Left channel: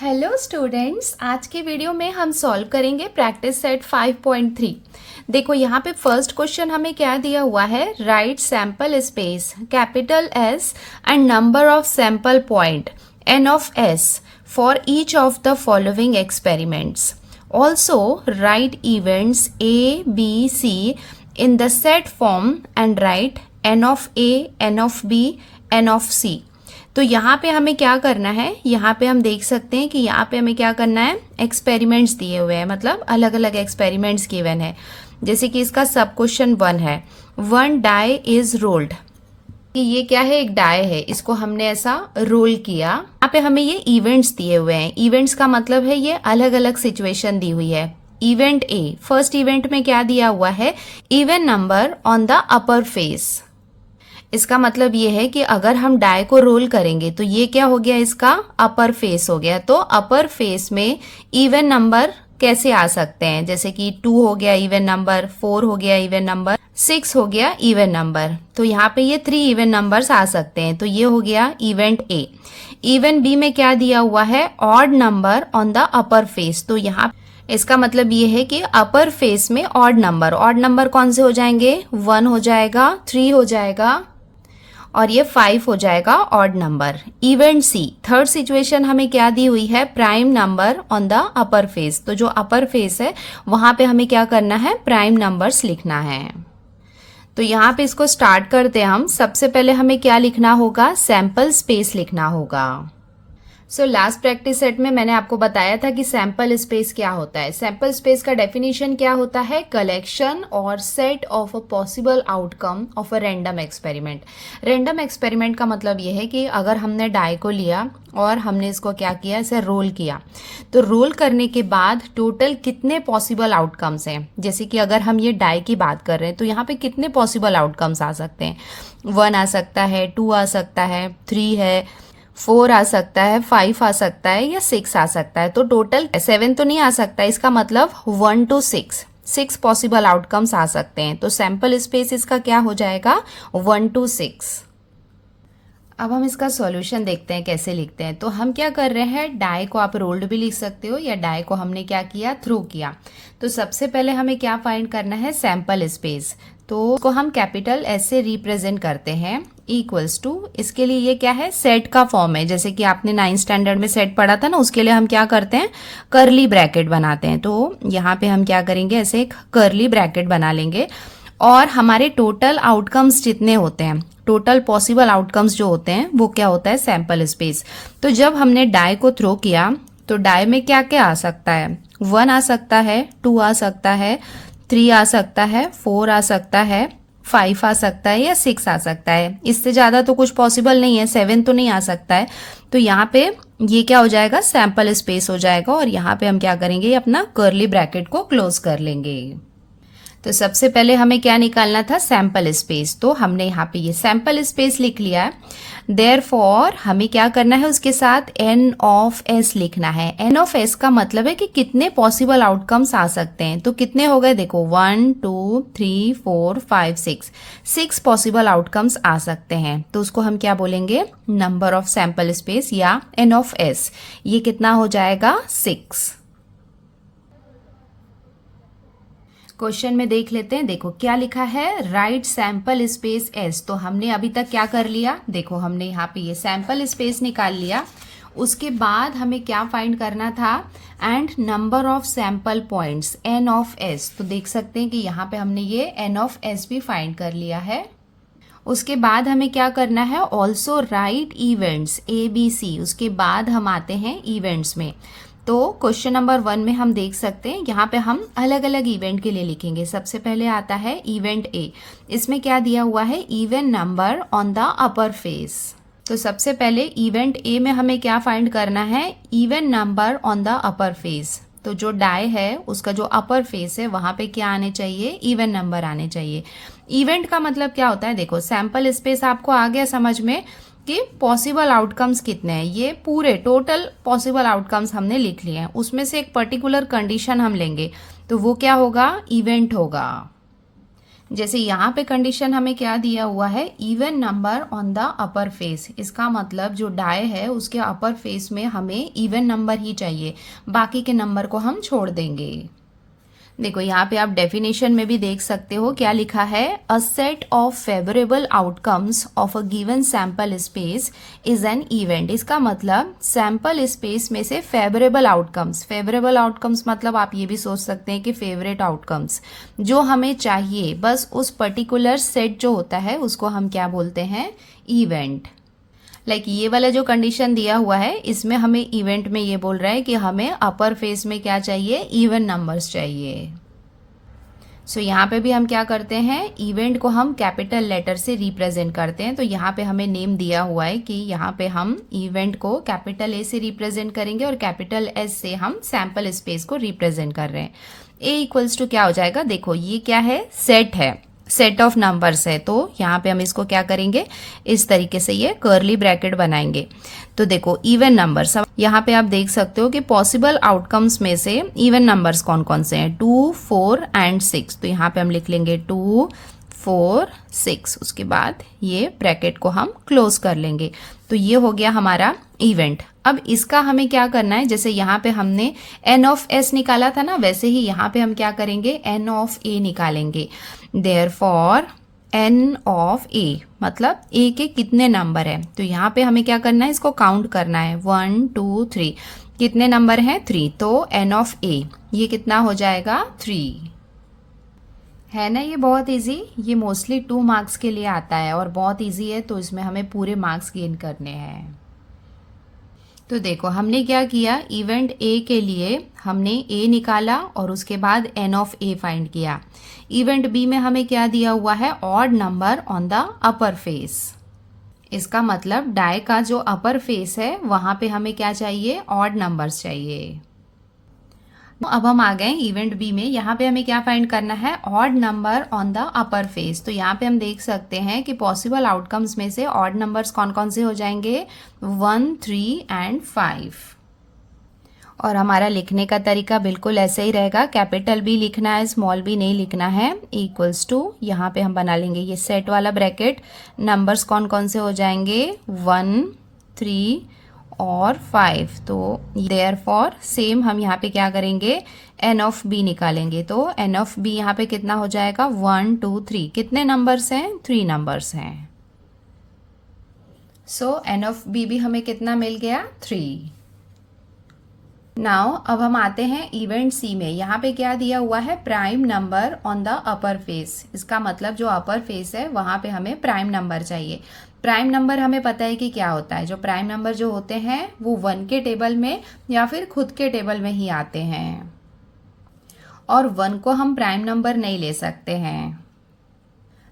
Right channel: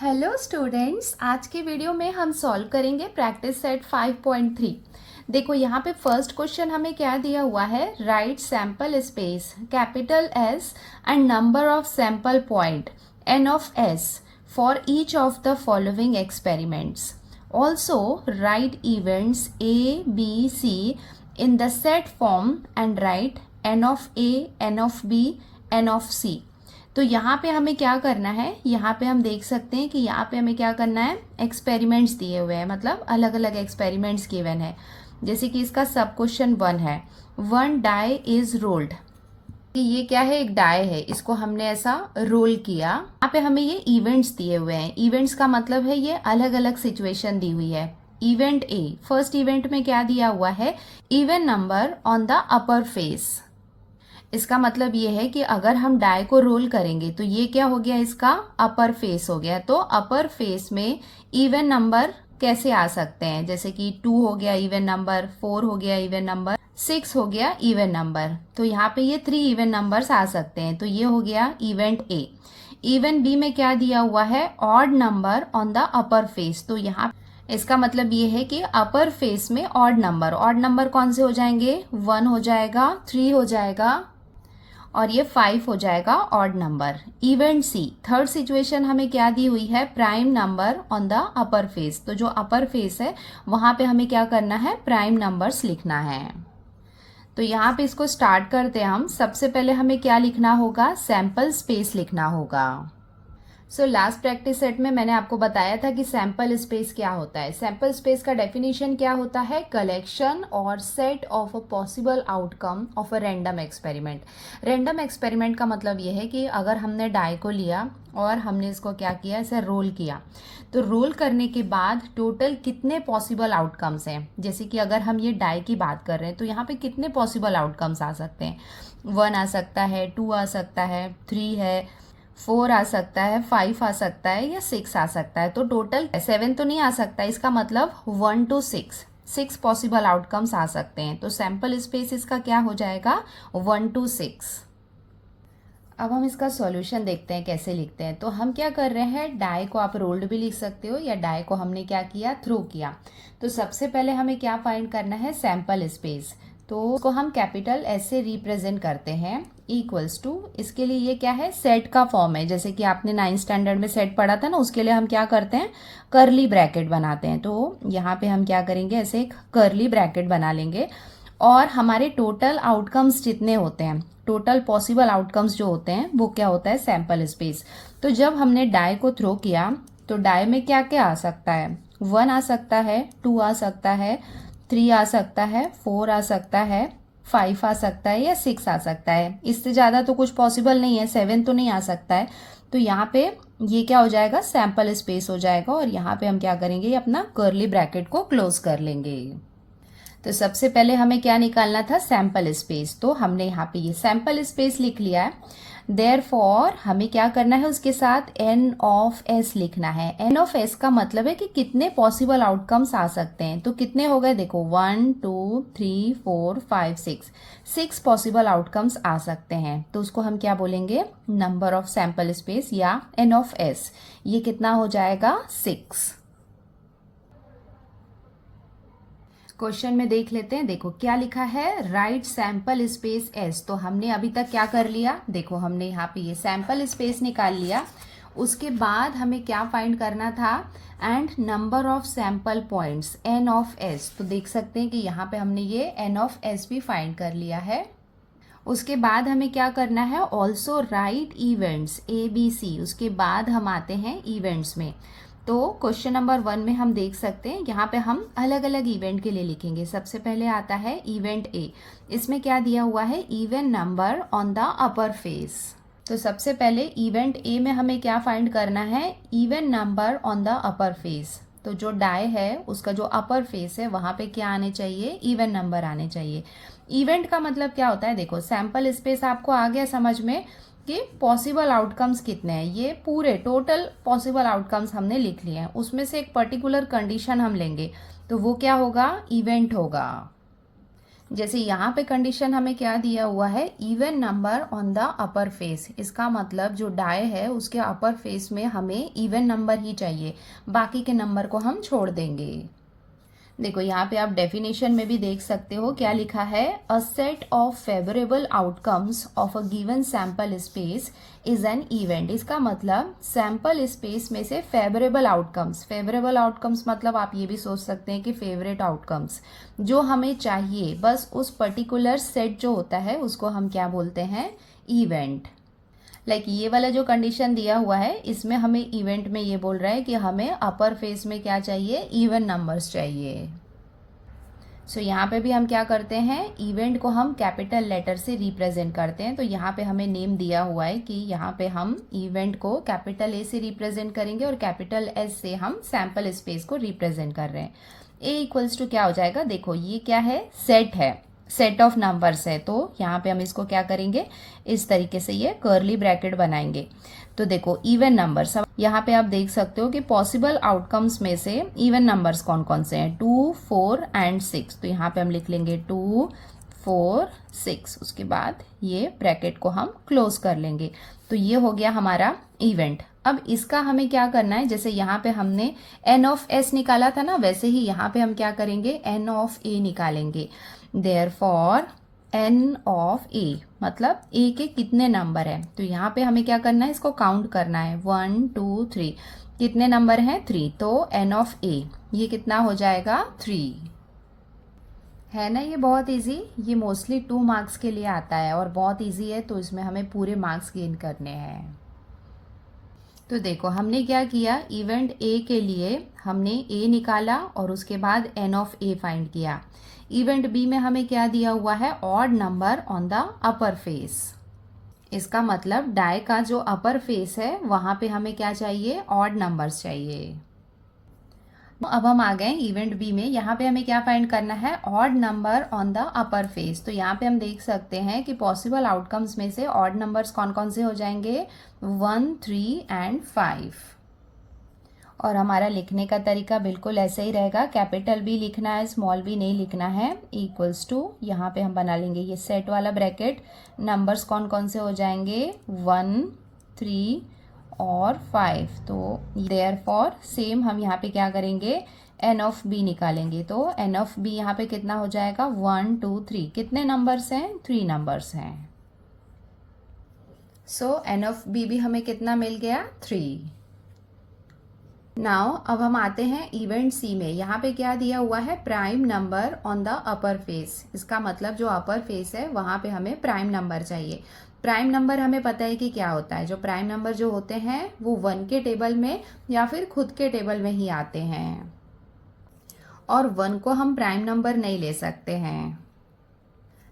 Hello students, आज की video में हम सॉल्व करेंगे प्रैक्टिस सेट 5.3। देखो यहाँ पे फर्स्ट क्वेश्चन हमें क्या दिया हुआ है, write sample space capital S and number of sample point n of S for each of the following experiments. Also write events A B C in the set form and write n of A, n of B, n of C. तो यहाँ पे हमें क्या करना है, यहाँ पे हम देख सकते हैं कि यहाँ पे हमें क्या करना है, एक्सपेरिमेंट्स दिए हुए हैं, मतलब अलग अलग एक्सपेरिमेंट्स गिवन है। जैसे कि इसका सब क्वेश्चन 1 है, 1 डाई इज रोल्ड, कि ये क्या है, एक डाई है, इसको हमने ऐसा रोल किया। यहाँ पे हमें ये इवेंट्स दिए हुए हैं। इवेंट्स का मतलब है ये अलग अलग सिचुएशन दी हुई है। इवेंट ए, फर्स्ट इवेंट में क्या दिया हुआ है, even number on the upper face. इसका मतलब ये है कि अगर हम डाई को रोल करेंगे तो ये क्या हो गया, इसका अपर फेस हो गया। तो अपर फेस में इवन नंबर कैसे आ सकते हैं, जैसे कि 2 हो गया इवन नंबर, 4 हो गया इवन नंबर, 6 हो गया इवन नंबर। तो यहाँ पे ये 3 इवन नंबर्स आ सकते हैं। तो ये हो गया इवेंट ए। इवन बी में क्या दिया हुआ है, odd number on the upper face. तो यहाँ इसका मतलब ये है कि अपर फेस में ऑड नंबर कौन से हो जाएंगे, 1 हो जाएगा, 3 हो जाएगा और ये 5 हो जाएगा ऑड नंबर। इवेंट सी, थर्ड सिचुएशन हमें क्या दी हुई है, prime number on the upper face. तो जो अपर फेस है वहां पे हमें क्या करना है, प्राइम नंबर्स लिखना है। तो यहाँ पे इसको स्टार्ट करते हैं हम। सबसे पहले हमें क्या लिखना होगा, सैंपल स्पेस लिखना होगा। सो लास्ट प्रैक्टिस सेट में मैंने आपको बताया था कि सैंपल स्पेस क्या होता है। सैंपल स्पेस का डेफिनेशन क्या होता है, कलेक्शन और set of a possible outcome of a random experiment. Random experiment का मतलब ये है कि अगर हमने डाई को लिया और हमने इसको क्या किया, इसे रोल किया, तो रोल करने के बाद टोटल कितने पॉसिबल आउटकम्स हैं। जैसे कि अगर हम ये डाई की बात कर रहे हैं तो यहाँ पे कितने पॉसिबल आउटकम्स आ सकते हैं, 1 आ सकता है, 2 आ सकता है, 3 है, 4 आ सकता है, 5 आ सकता है या 6 आ सकता है। तो टोटल 7 तो नहीं आ सकता। इसका मतलब 1 to 6 पॉसिबल आउटकम्स आ सकते हैं। तो सैंपल स्पेस इसका क्या हो जाएगा, 1 to 6। अब हम इसका सॉल्यूशन देखते हैं कैसे लिखते हैं। तो हम क्या कर रहे हैं, डाई को आप रोल्ड भी लिख सकते हो या डाई को हमने क्या किया, थ्रो किया। तो सबसे पहले हमें क्या फाइंड करना है, सैंपल स्पेस। तो उसको हम कैपिटल एस से रिप्रेजेंट करते हैं, इक्वल्स टू, इसके लिए ये क्या है, सेट का फॉर्म है। जैसे कि आपने 9th स्टैंडर्ड में सेट पढ़ा था ना, उसके लिए हम क्या करते हैं, कर्ली ब्रैकेट बनाते हैं। तो यहाँ पे हम क्या करेंगे, ऐसे एक कर्ली ब्रैकेट बना लेंगे और हमारे टोटल आउटकम्स जितने होते हैं, टोटल पॉसिबल आउटकम्स जो होते हैं वो क्या होता है, सैंपल स्पेस। तो जब हमने डाई को थ्रो किया तो डाई में क्या क्या आ सकता है, 1 आ सकता है, 2 आ सकता है, 3 आ सकता है, 4 आ सकता है, 5 आ सकता है या 6 आ सकता है। इससे ज़्यादा तो कुछ पॉसिबल नहीं है, 7 तो नहीं आ सकता है। तो यहाँ पे ये क्या हो जाएगा, सैंपल स्पेस हो जाएगा और यहाँ पे हम क्या करेंगे, अपना कर्ली ब्रैकेट को क्लोज कर लेंगे। तो सबसे पहले हमें क्या निकालना था, सैंपल स्पेस। तो हमने यहाँ पे ये सैंपल स्पेस लिख लिया है। देयरफॉर हमें क्या करना है, उसके साथ एन ऑफ एस लिखना है। एन ऑफ एस का मतलब है कि कितने पॉसिबल आउटकम्स आ सकते हैं। तो कितने हो गए, देखो 1 2 3 4 5 6 पॉसिबल आउटकम्स आ सकते हैं। तो उसको हम क्या बोलेंगे, नंबर ऑफ सैंपल स्पेस या एन ऑफ एस। ये कितना हो जाएगा, 6। क्वेश्चन में देख लेते हैं। देखो क्या लिखा है, राइट सैंपल स्पेस एस। तो हमने अभी तक क्या कर लिया, देखो हमने यहाँ पे ये सैंपल स्पेस निकाल लिया। उसके बाद हमें क्या फाइंड करना था, and number of sample points n of s. तो देख सकते हैं कि यहाँ पे हमने ये एन ऑफ एस भी फाइंड कर लिया है। उसके बाद हमें क्या करना है, also write events A B C. उसके बाद हम आते हैं इवेंट्स में। तो क्वेश्चन नंबर 1 में हम देख सकते हैं, यहाँ पे हम अलग अलग इवेंट के लिए लिखेंगे। सबसे पहले आता है इवेंट ए। इसमें क्या दिया हुआ है, even number on the upper face. तो सबसे पहले इवेंट ए में हमें क्या फाइंड करना है, even number on the upper face. तो जो डाई है उसका जो अपर फेस है वहां पे क्या आने चाहिए, इवन नंबर आने चाहिए। इवेंट का मतलब क्या होता है, देखो सैंपल स्पेस आपको आ गया समझ में कि पॉसिबल आउटकम्स कितने हैं। ये पूरे टोटल पॉसिबल आउटकम्स हमने लिख लिए हैं, उसमें से एक पर्टिकुलर कंडीशन हम लेंगे। तो वो क्या होगा, इवेंट होगा। जैसे यहाँ पे कंडीशन हमें क्या दिया हुआ है, even number on the upper face. इसका मतलब जो डाई है उसके अपर फेस में हमें इवन नंबर ही चाहिए, बाकी के नंबर को हम छोड़ देंगे। देखो यहाँ पे आप डेफिनेशन में भी देख सकते हो क्या लिखा है, a set of favourable outcomes of a given sample space is an event. इसका मतलब सैंपल स्पेस में से फेवरेबल आउटकम्स मतलब आप ये भी सोच सकते हैं कि फेवरेट आउटकम्स जो हमें चाहिए, बस उस पर्टिकुलर सेट जो होता है उसको हम क्या बोलते हैं, इवेंट। ये वाला जो कंडीशन दिया हुआ है इसमें हमें इवेंट में ये बोल रहा है कि हमें अपर फेस में क्या चाहिए, इवन नंबर्स चाहिए। सो यहाँ पे भी हम क्या करते हैं, इवेंट को हम कैपिटल लेटर से रिप्रेजेंट करते हैं। तो यहाँ पे हमें नेम दिया हुआ है कि यहाँ पे हम इवेंट को कैपिटल ए से रिप्रेजेंट करेंगे और कैपिटल एस से हम सैंपल स्पेस को रिप्रेजेंट कर रहे हैं। ए इक्वल्स टू क्या हो जाएगा, देखो ये क्या है, सेट है, सेट ऑफ नंबर्स है। तो यहाँ पे हम इसको क्या करेंगे, इस तरीके से ये कर्ली ब्रैकेट बनाएंगे। तो देखो इवन नंबर्स, यहाँ पे आप देख सकते हो कि पॉसिबल आउटकम्स में से इवन नंबर्स कौन कौन से हैं, 2, 4 एंड 6। तो यहाँ पे हम लिख लेंगे 2, 4, 6। उसके बाद ये ब्रैकेट को हम क्लोज कर लेंगे। तो ये हो गया हमारा इवेंट। अब इसका हमें क्या करना है, जैसे यहाँ पे हमने n ऑफ s निकाला था ना, वैसे ही यहाँ पे हम क्या करेंगे, n ऑफ a निकालेंगे। देयरफॉर n ऑफ a मतलब a के कितने नंबर है, तो यहाँ पे हमें क्या करना है, इसको काउंट करना है, 1, 2, 3। कितने नंबर हैं, 3। तो n ऑफ a ये कितना हो जाएगा, 3। है ना, ये बहुत इजी, ये मोस्टली 2 मार्क्स के लिए आता है और बहुत इजी है, तो इसमें हमें पूरे मार्क्स गेन करने हैं। तो देखो हमने क्या किया, इवेंट ए के लिए हमने ए निकाला और उसके बाद n ऑफ a फाइंड किया। इवेंट बी में हमें क्या दिया हुआ है, odd number on the upper face. इसका मतलब डाई का जो अपर फेस है वहां पे हमें क्या चाहिए, ऑड नंबर्स चाहिए। अब हम आ गए इवेंट बी में, यहाँ पे हमें क्या फाइंड करना है, odd number on the upper face. तो यहाँ पे हम देख सकते हैं कि पॉसिबल आउटकम्स में से ऑड नंबर्स कौन कौन से हो जाएंगे, 1, 3 एंड 5। और हमारा लिखने का तरीका बिल्कुल ऐसे ही रहेगा, कैपिटल बी लिखना है, स्मॉल बी नहीं लिखना है। इक्वल्स टू यहाँ पे हम बना लेंगे ये सेट वाला ब्रैकेट, नंबर्स कौन कौन से हो जाएंगे, 1, 3 और 5। तो देयरफॉर सेम हम यहाँ पे क्या करेंगे, n ऑफ b निकालेंगे। तो n ऑफ b यहाँ पे कितना हो जाएगा, 1, 2, 3। कितने नंबर्स हैं, 3 नंबर्स हैं। सो n ऑफ b भी हमें कितना मिल गया, 3। नाउ अब हम आते हैं इवेंट सी में। यहाँ पे क्या दिया हुआ है, prime number on the upper face. इसका मतलब जो अपर फेस है वहाँ पे हमें प्राइम नंबर चाहिए। प्राइम नंबर हमें पता है कि क्या होता है, जो प्राइम नंबर जो होते हैं वो 1 के टेबल में या फिर खुद के टेबल में ही आते हैं, और 1 को हम प्राइम नंबर नहीं ले सकते हैं।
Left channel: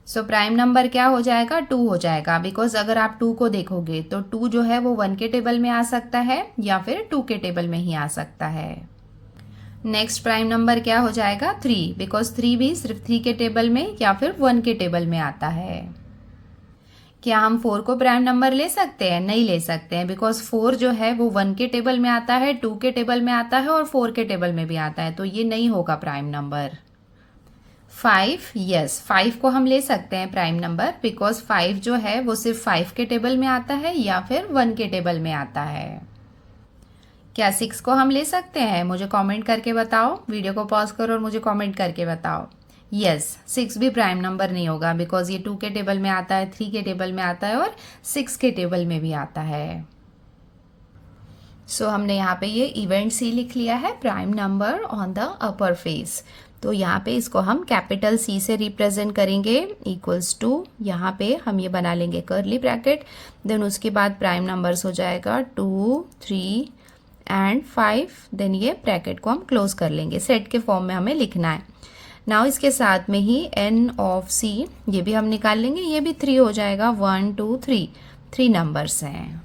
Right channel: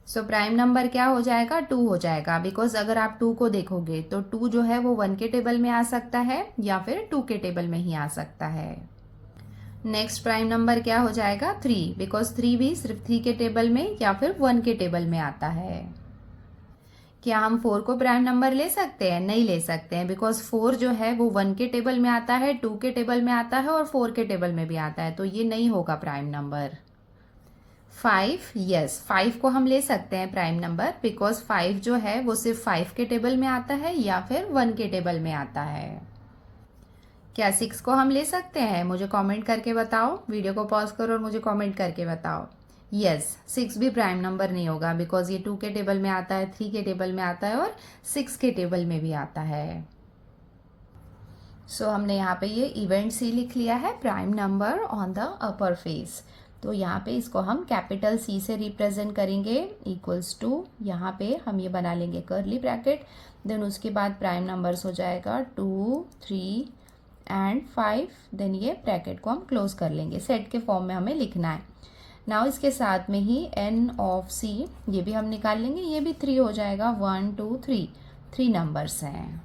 सो प्राइम नंबर क्या हो जाएगा, 2 हो जाएगा, बिकॉज अगर आप 2 को देखोगे तो 2 जो है वो 1 के टेबल में आ सकता है या फिर 2 के टेबल में ही आ सकता है। नेक्स्ट प्राइम नंबर क्या हो जाएगा, 3, बिकॉज 3 भी सिर्फ 3 के टेबल में या फिर 1 के टेबल में आता है। क्या हम 4 को प्राइम नंबर ले सकते हैं, नहीं ले सकते हैं, बिकॉज 4 जो है वो 1 के टेबल में आता है, 2 के टेबल में आता है और 4 के टेबल में भी आता है, तो ये नहीं होगा प्राइम नंबर। 5, यस 5 को हम ले सकते हैं प्राइम नंबर, बिकॉज 5 जो है वो सिर्फ 5 के टेबल में आता है या फिर 1 के टेबल में आता है। क्या 6 को हम ले सकते हैं, मुझे कमेंट करके बताओ, वीडियो को पॉज करो और मुझे कमेंट करके बताओ। यस 6 भी प्राइम नंबर नहीं होगा, बिकॉज ये 2 के टेबल में आता है, 3 के टेबल में आता है और 6 के टेबल में भी आता है। सो हमने यहाँ पे ये इवेंट सी लिख लिया है, prime number on the upper face. तो यहाँ पे इसको हम कैपिटल C से रिप्रेजेंट करेंगे, इक्वल्स टू यहाँ पे हम ये बना लेंगे कर्ली ब्रैकेट, देन उसके बाद प्राइम नंबर्स हो जाएगा 2, 3 एंड 5, देन ये ब्रैकेट को हम क्लोज कर लेंगे। सेट के फॉर्म में हमें लिखना है। नाउ इसके साथ में ही n ऑफ c ये भी हम निकाल लेंगे, ये भी 3 हो जाएगा, 1, 2, 3 नंबर्स हैं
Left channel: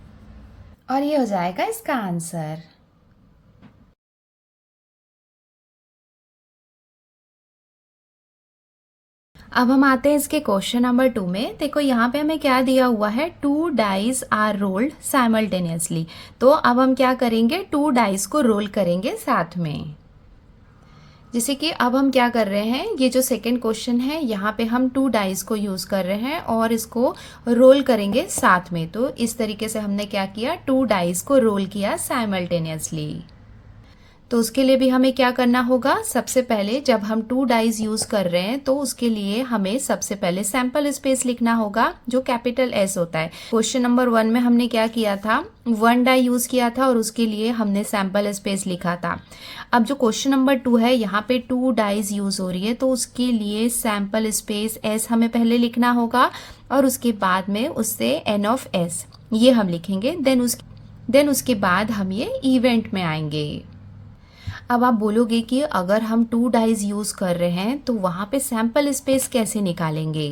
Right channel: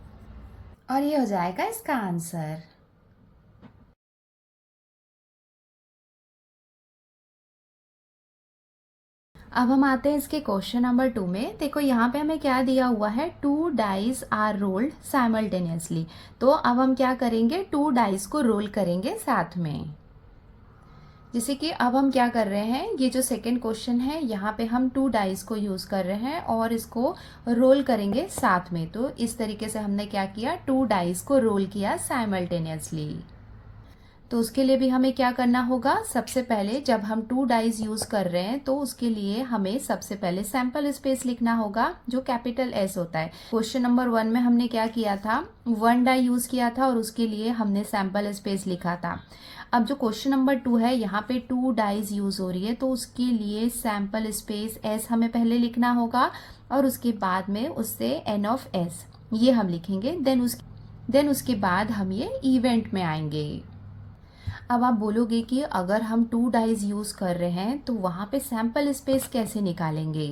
और ये हो जाएगा इसका आंसर। अब हम आते हैं इसके क्वेश्चन नंबर 2 में। देखो यहाँ पे हमें क्या दिया हुआ है, 2 डाइस आर रोल्ड साइमल्टेनियसली। तो अब हम क्या करेंगे, 2 डाइस को रोल करेंगे साथ में। जैसे कि अब हम क्या कर रहे हैं, ये जो सेकंड क्वेश्चन है यहाँ पे हम 2 डाइस को यूज़ कर रहे हैं और इसको रोल करेंगे साथ में। तो इस तरीके से हमने क्या किया, 2 डाइस को रोल किया साइमल्टेनियसली। तो उसके लिए भी हमें क्या करना होगा, सबसे पहले जब हम 2 डाइज यूज कर रहे हैं तो उसके लिए हमें सबसे पहले सैंपल स्पेस लिखना होगा जो कैपिटल एस होता है। क्वेश्चन नंबर 1 में हमने क्या किया था, 1 डाई यूज किया था और उसके लिए हमने सैंपल स्पेस लिखा था। अब जो क्वेश्चन नंबर 2 है यहाँ पे 2 डाइज यूज हो रही है तो उसके लिए सैंपल स्पेस एस हमें पहले लिखना होगा और उसके बाद में उससे एन ऑफ एस ये हम लिखेंगे। देन उसके बाद हम ये इवेंट में आएंगे। अब आप बोलोगे कि अगर हम 2 डाइज यूज कर रहे हैं तो वहां पे सैंपल स्पेस कैसे निकालेंगे।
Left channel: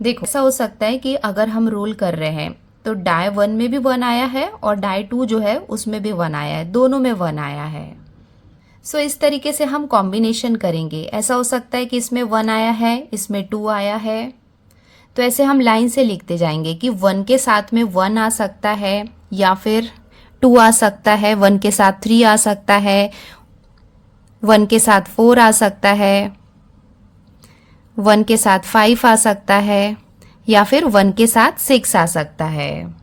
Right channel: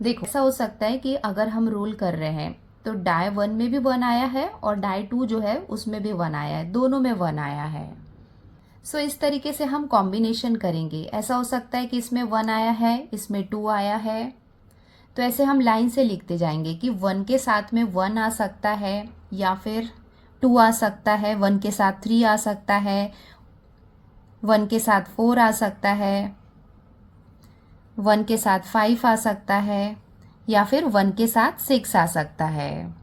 देखो ऐसा हो सकता है कि अगर हम रोल कर रहे हैं तो डाई 1 में भी 1 आया है और डाई 2 जो है उसमें भी 1 आया है, दोनों में 1 आया है। सो इस तरीके से हम कॉम्बिनेशन करेंगे। ऐसा हो सकता है कि इसमें 1 आया है, इसमें 2 आया है, तो ऐसे हम लाइन से लिखते जाएंगे कि 1 के साथ में 1 आ सकता है या फिर 2 आ सकता है, 1 के साथ 3 आ सकता है, 1 के साथ 4 आ सकता है, 1 के साथ 5 आ सकता है या फिर 1 के साथ 6 आ सकता है।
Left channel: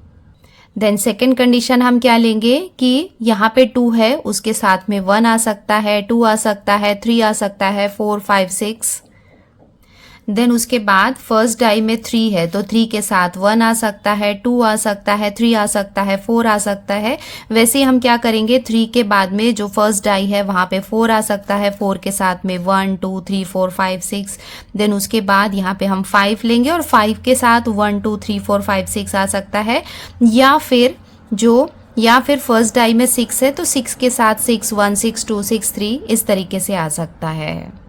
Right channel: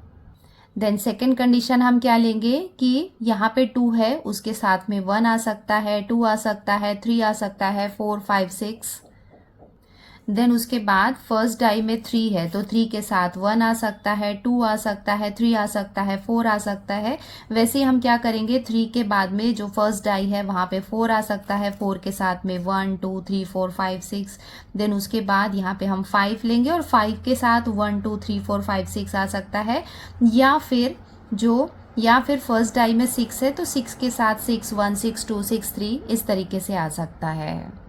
देन सेकेंड कंडीशन हम क्या लेंगे कि यहाँ पे 2 है, उसके साथ में 1 आ सकता है, 2 आ सकता है, 3 आ सकता है, 4, 5, 6। देन उसके बाद फर्स्ट डाई में 3 है तो 3 के साथ 1 आ सकता है, 2 आ सकता है, 3 आ सकता है, 4 आ सकता है। वैसे हम क्या करेंगे, 3 के बाद में जो फर्स्ट डाई है वहां पे 4 आ सकता है, 4 के साथ में 1, 2, 3, 4, 5, 6। देन उसके बाद यहाँ पे हम 5 लेंगे और 5 के साथ 1, 2, 3, 4, 5, 6 आ सकता है या फिर फर्स्ट डाई में 6 है तो 6 के साथ 6, 1, 6, 2, 6, 3 इस तरीके से आ सकता है।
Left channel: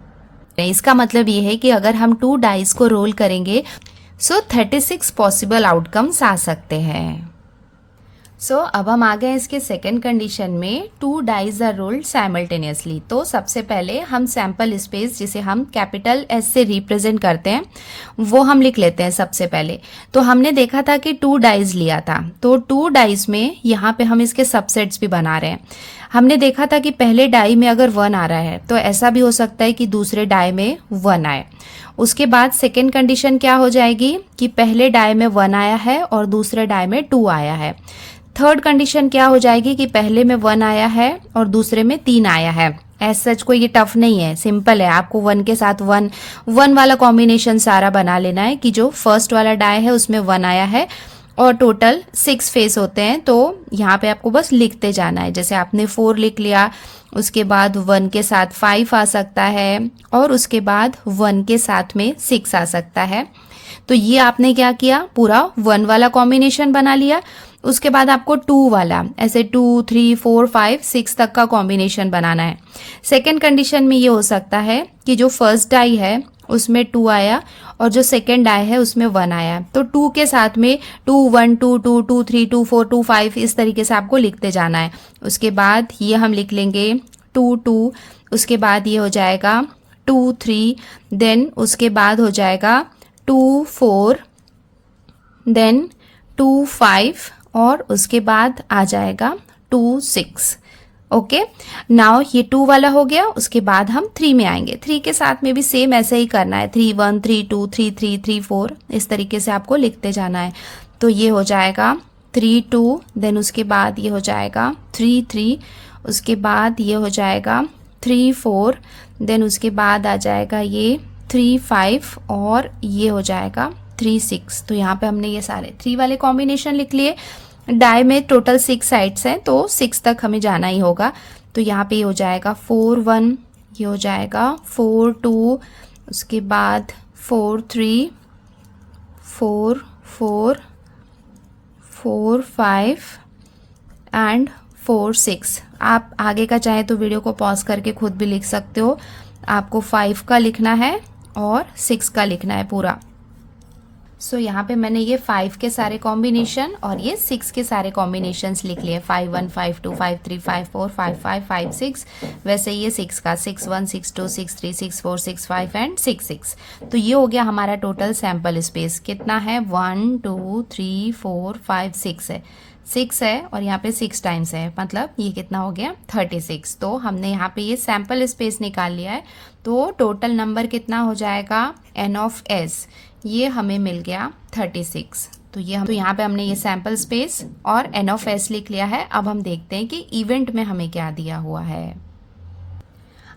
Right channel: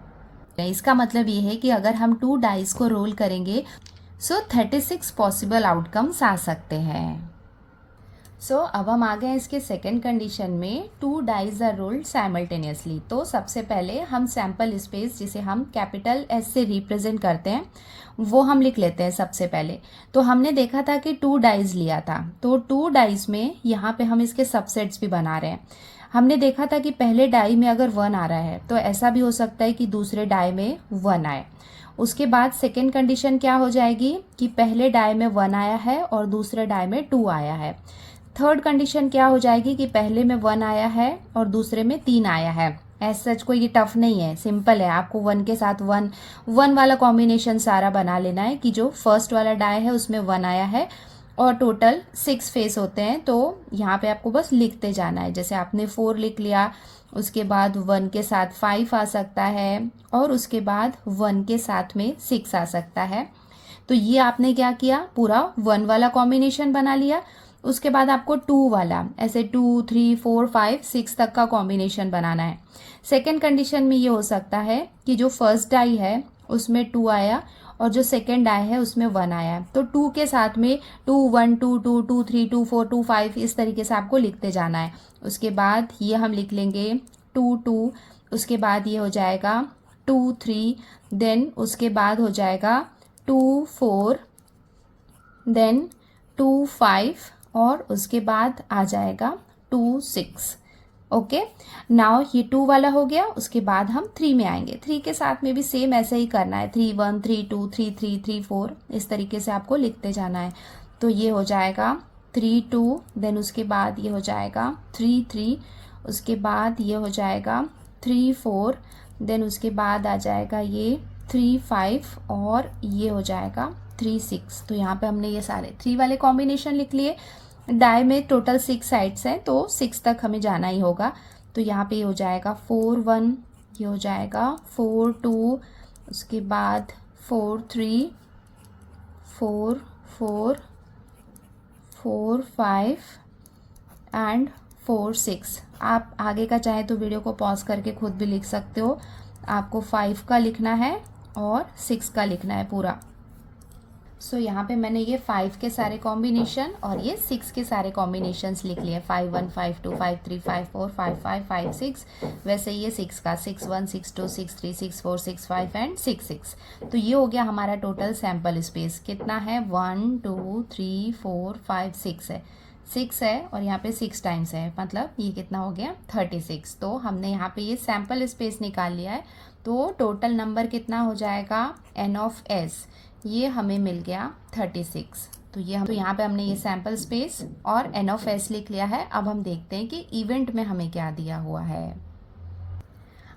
इसका मतलब ये है कि अगर हम 2 डाइस को रोल करेंगे सो 36 पॉसिबल आउटकम्स आ सकते हैं। सो अब हम आ गए इसके सेकेंड कंडीशन में, 2 डाइज आर रोल्ड साइमल्टेनियसली। तो सबसे पहले हम सैंपल स्पेस जिसे हम कैपिटल एस से रिप्रेजेंट करते हैं वो हम लिख लेते हैं सबसे पहले। तो हमने देखा था कि 2 डाइज लिया था तो 2 डाइज में यहाँ पे हम इसके सबसेट्स भी बना रहे हैं। हमने देखा था कि पहले डाई में अगर 1 आ रहा है तो ऐसा भी हो सकता है कि दूसरे डाई में 1 आए। उसके बाद सेकेंड कंडीशन क्या हो जाएगी कि पहले डाई में 1 आया है और दूसरे डाई में 2 आया है। थर्ड कंडीशन क्या हो जाएगी कि पहले में 1 आया है और दूसरे में 3 आया है। एज सच कोई ये टफ नहीं है, सिंपल है। आपको 1 के साथ 1 वाला कॉम्बिनेशन सारा बना लेना है कि जो फर्स्ट वाला डाई है उसमें 1 आया है और टोटल 6 फेस होते हैं। तो यहाँ पे आपको बस लिखते जाना है। जैसे आपने 4 लिख लिया, उसके बाद 1 के साथ 5 आ सकता है और उसके बाद 1 के साथ में 6 आ सकता है। तो ये आपने क्या किया, पूरा 1 वाला कॉम्बिनेशन बना लिया। उसके बाद आपको 2 वाला, ऐसे 2, 3, 4, 5, 6 तक का कॉम्बिनेशन बनाना है। सेकेंड कंडीशन में ये हो सकता है कि जो फर्स्ट डाई है उसमें 2 आया और जो सेकेंड डाई है उसमें 1 आया, तो 2 के साथ में 2, 1, 2, 2, 2, 3, 2, 4, 2, 5 इस तरीके से आपको लिखते जाना है। उसके बाद ये हम लिख लेंगे 2, 2, उसके बाद ये हो जाएगा 2, 3, देन उसके बाद हो जाएगा 2, 4, देन 2, 5 और उसके बाद आ जाएगा 2, 6। ओके, नाउ ये 2 वाला हो गया। उसके बाद हम 3 में आएंगे। 3 के साथ में भी सेम ऐसे ही करना है, 3, 1, 3, 2, 3, 3, 3, 4 इस तरीके से आपको लिखते जाना है। तो ये हो जाएगा 3, 2, देन उसके बाद ये हो जाएगा 3, 3, उसके बाद ये हो जाएगा 3, 4, देन उसके बाद आ जाएगा ये 3, 5 और ये हो जाएगा 3, 6। तो यहाँ पे हमने ये सारे 3 वाले कॉम्बिनेशन लिख लिए। डाई में टोटल 6 साइड्स हैं तो 6 तक हमें जाना ही होगा। तो यहाँ पे हो जाएगा 4, 1, ये हो जाएगा 4, 2, उसके बाद 4, 3, 4, 4, 4, 5 एंड 4, 6। आप आगे का चाहे तो वीडियो को पॉज करके खुद भी लिख सकते हो। आपको 5 का लिखना है और 6 का लिखना है पूरा। सो यहाँ पे मैंने ये 5 के सारे कॉम्बिनेशन और ये 6 के सारे कॉम्बिनेशंस लिख लिए। 5, 1, 5, 2, 5, 3, 5, 4, 5, 5, 5, 6। वैसे ये 6 का 6, 1, 6, 2, 6, 3, 6, 4, 6, 5 एंड 6, 6। तो ये हो गया हमारा टोटल सैंपल स्पेस। कितना है, 1, 2, 3, 4, 5, 6 है। 6 है और यहाँ पे 6 टाइम्स है, मतलब ये कितना हो गया 36। तो हमने यहाँ पे ये सैम्पल स्पेस निकाल लिया है, तो टोटल नंबर कितना हो जाएगा n ऑफ s, ये हमें मिल गया 36। तो यहाँ पे हमने ये सैम्पल स्पेस और n ऑफ s लिख लिया है। अब हम देखते हैं कि इवेंट में हमें क्या दिया हुआ है।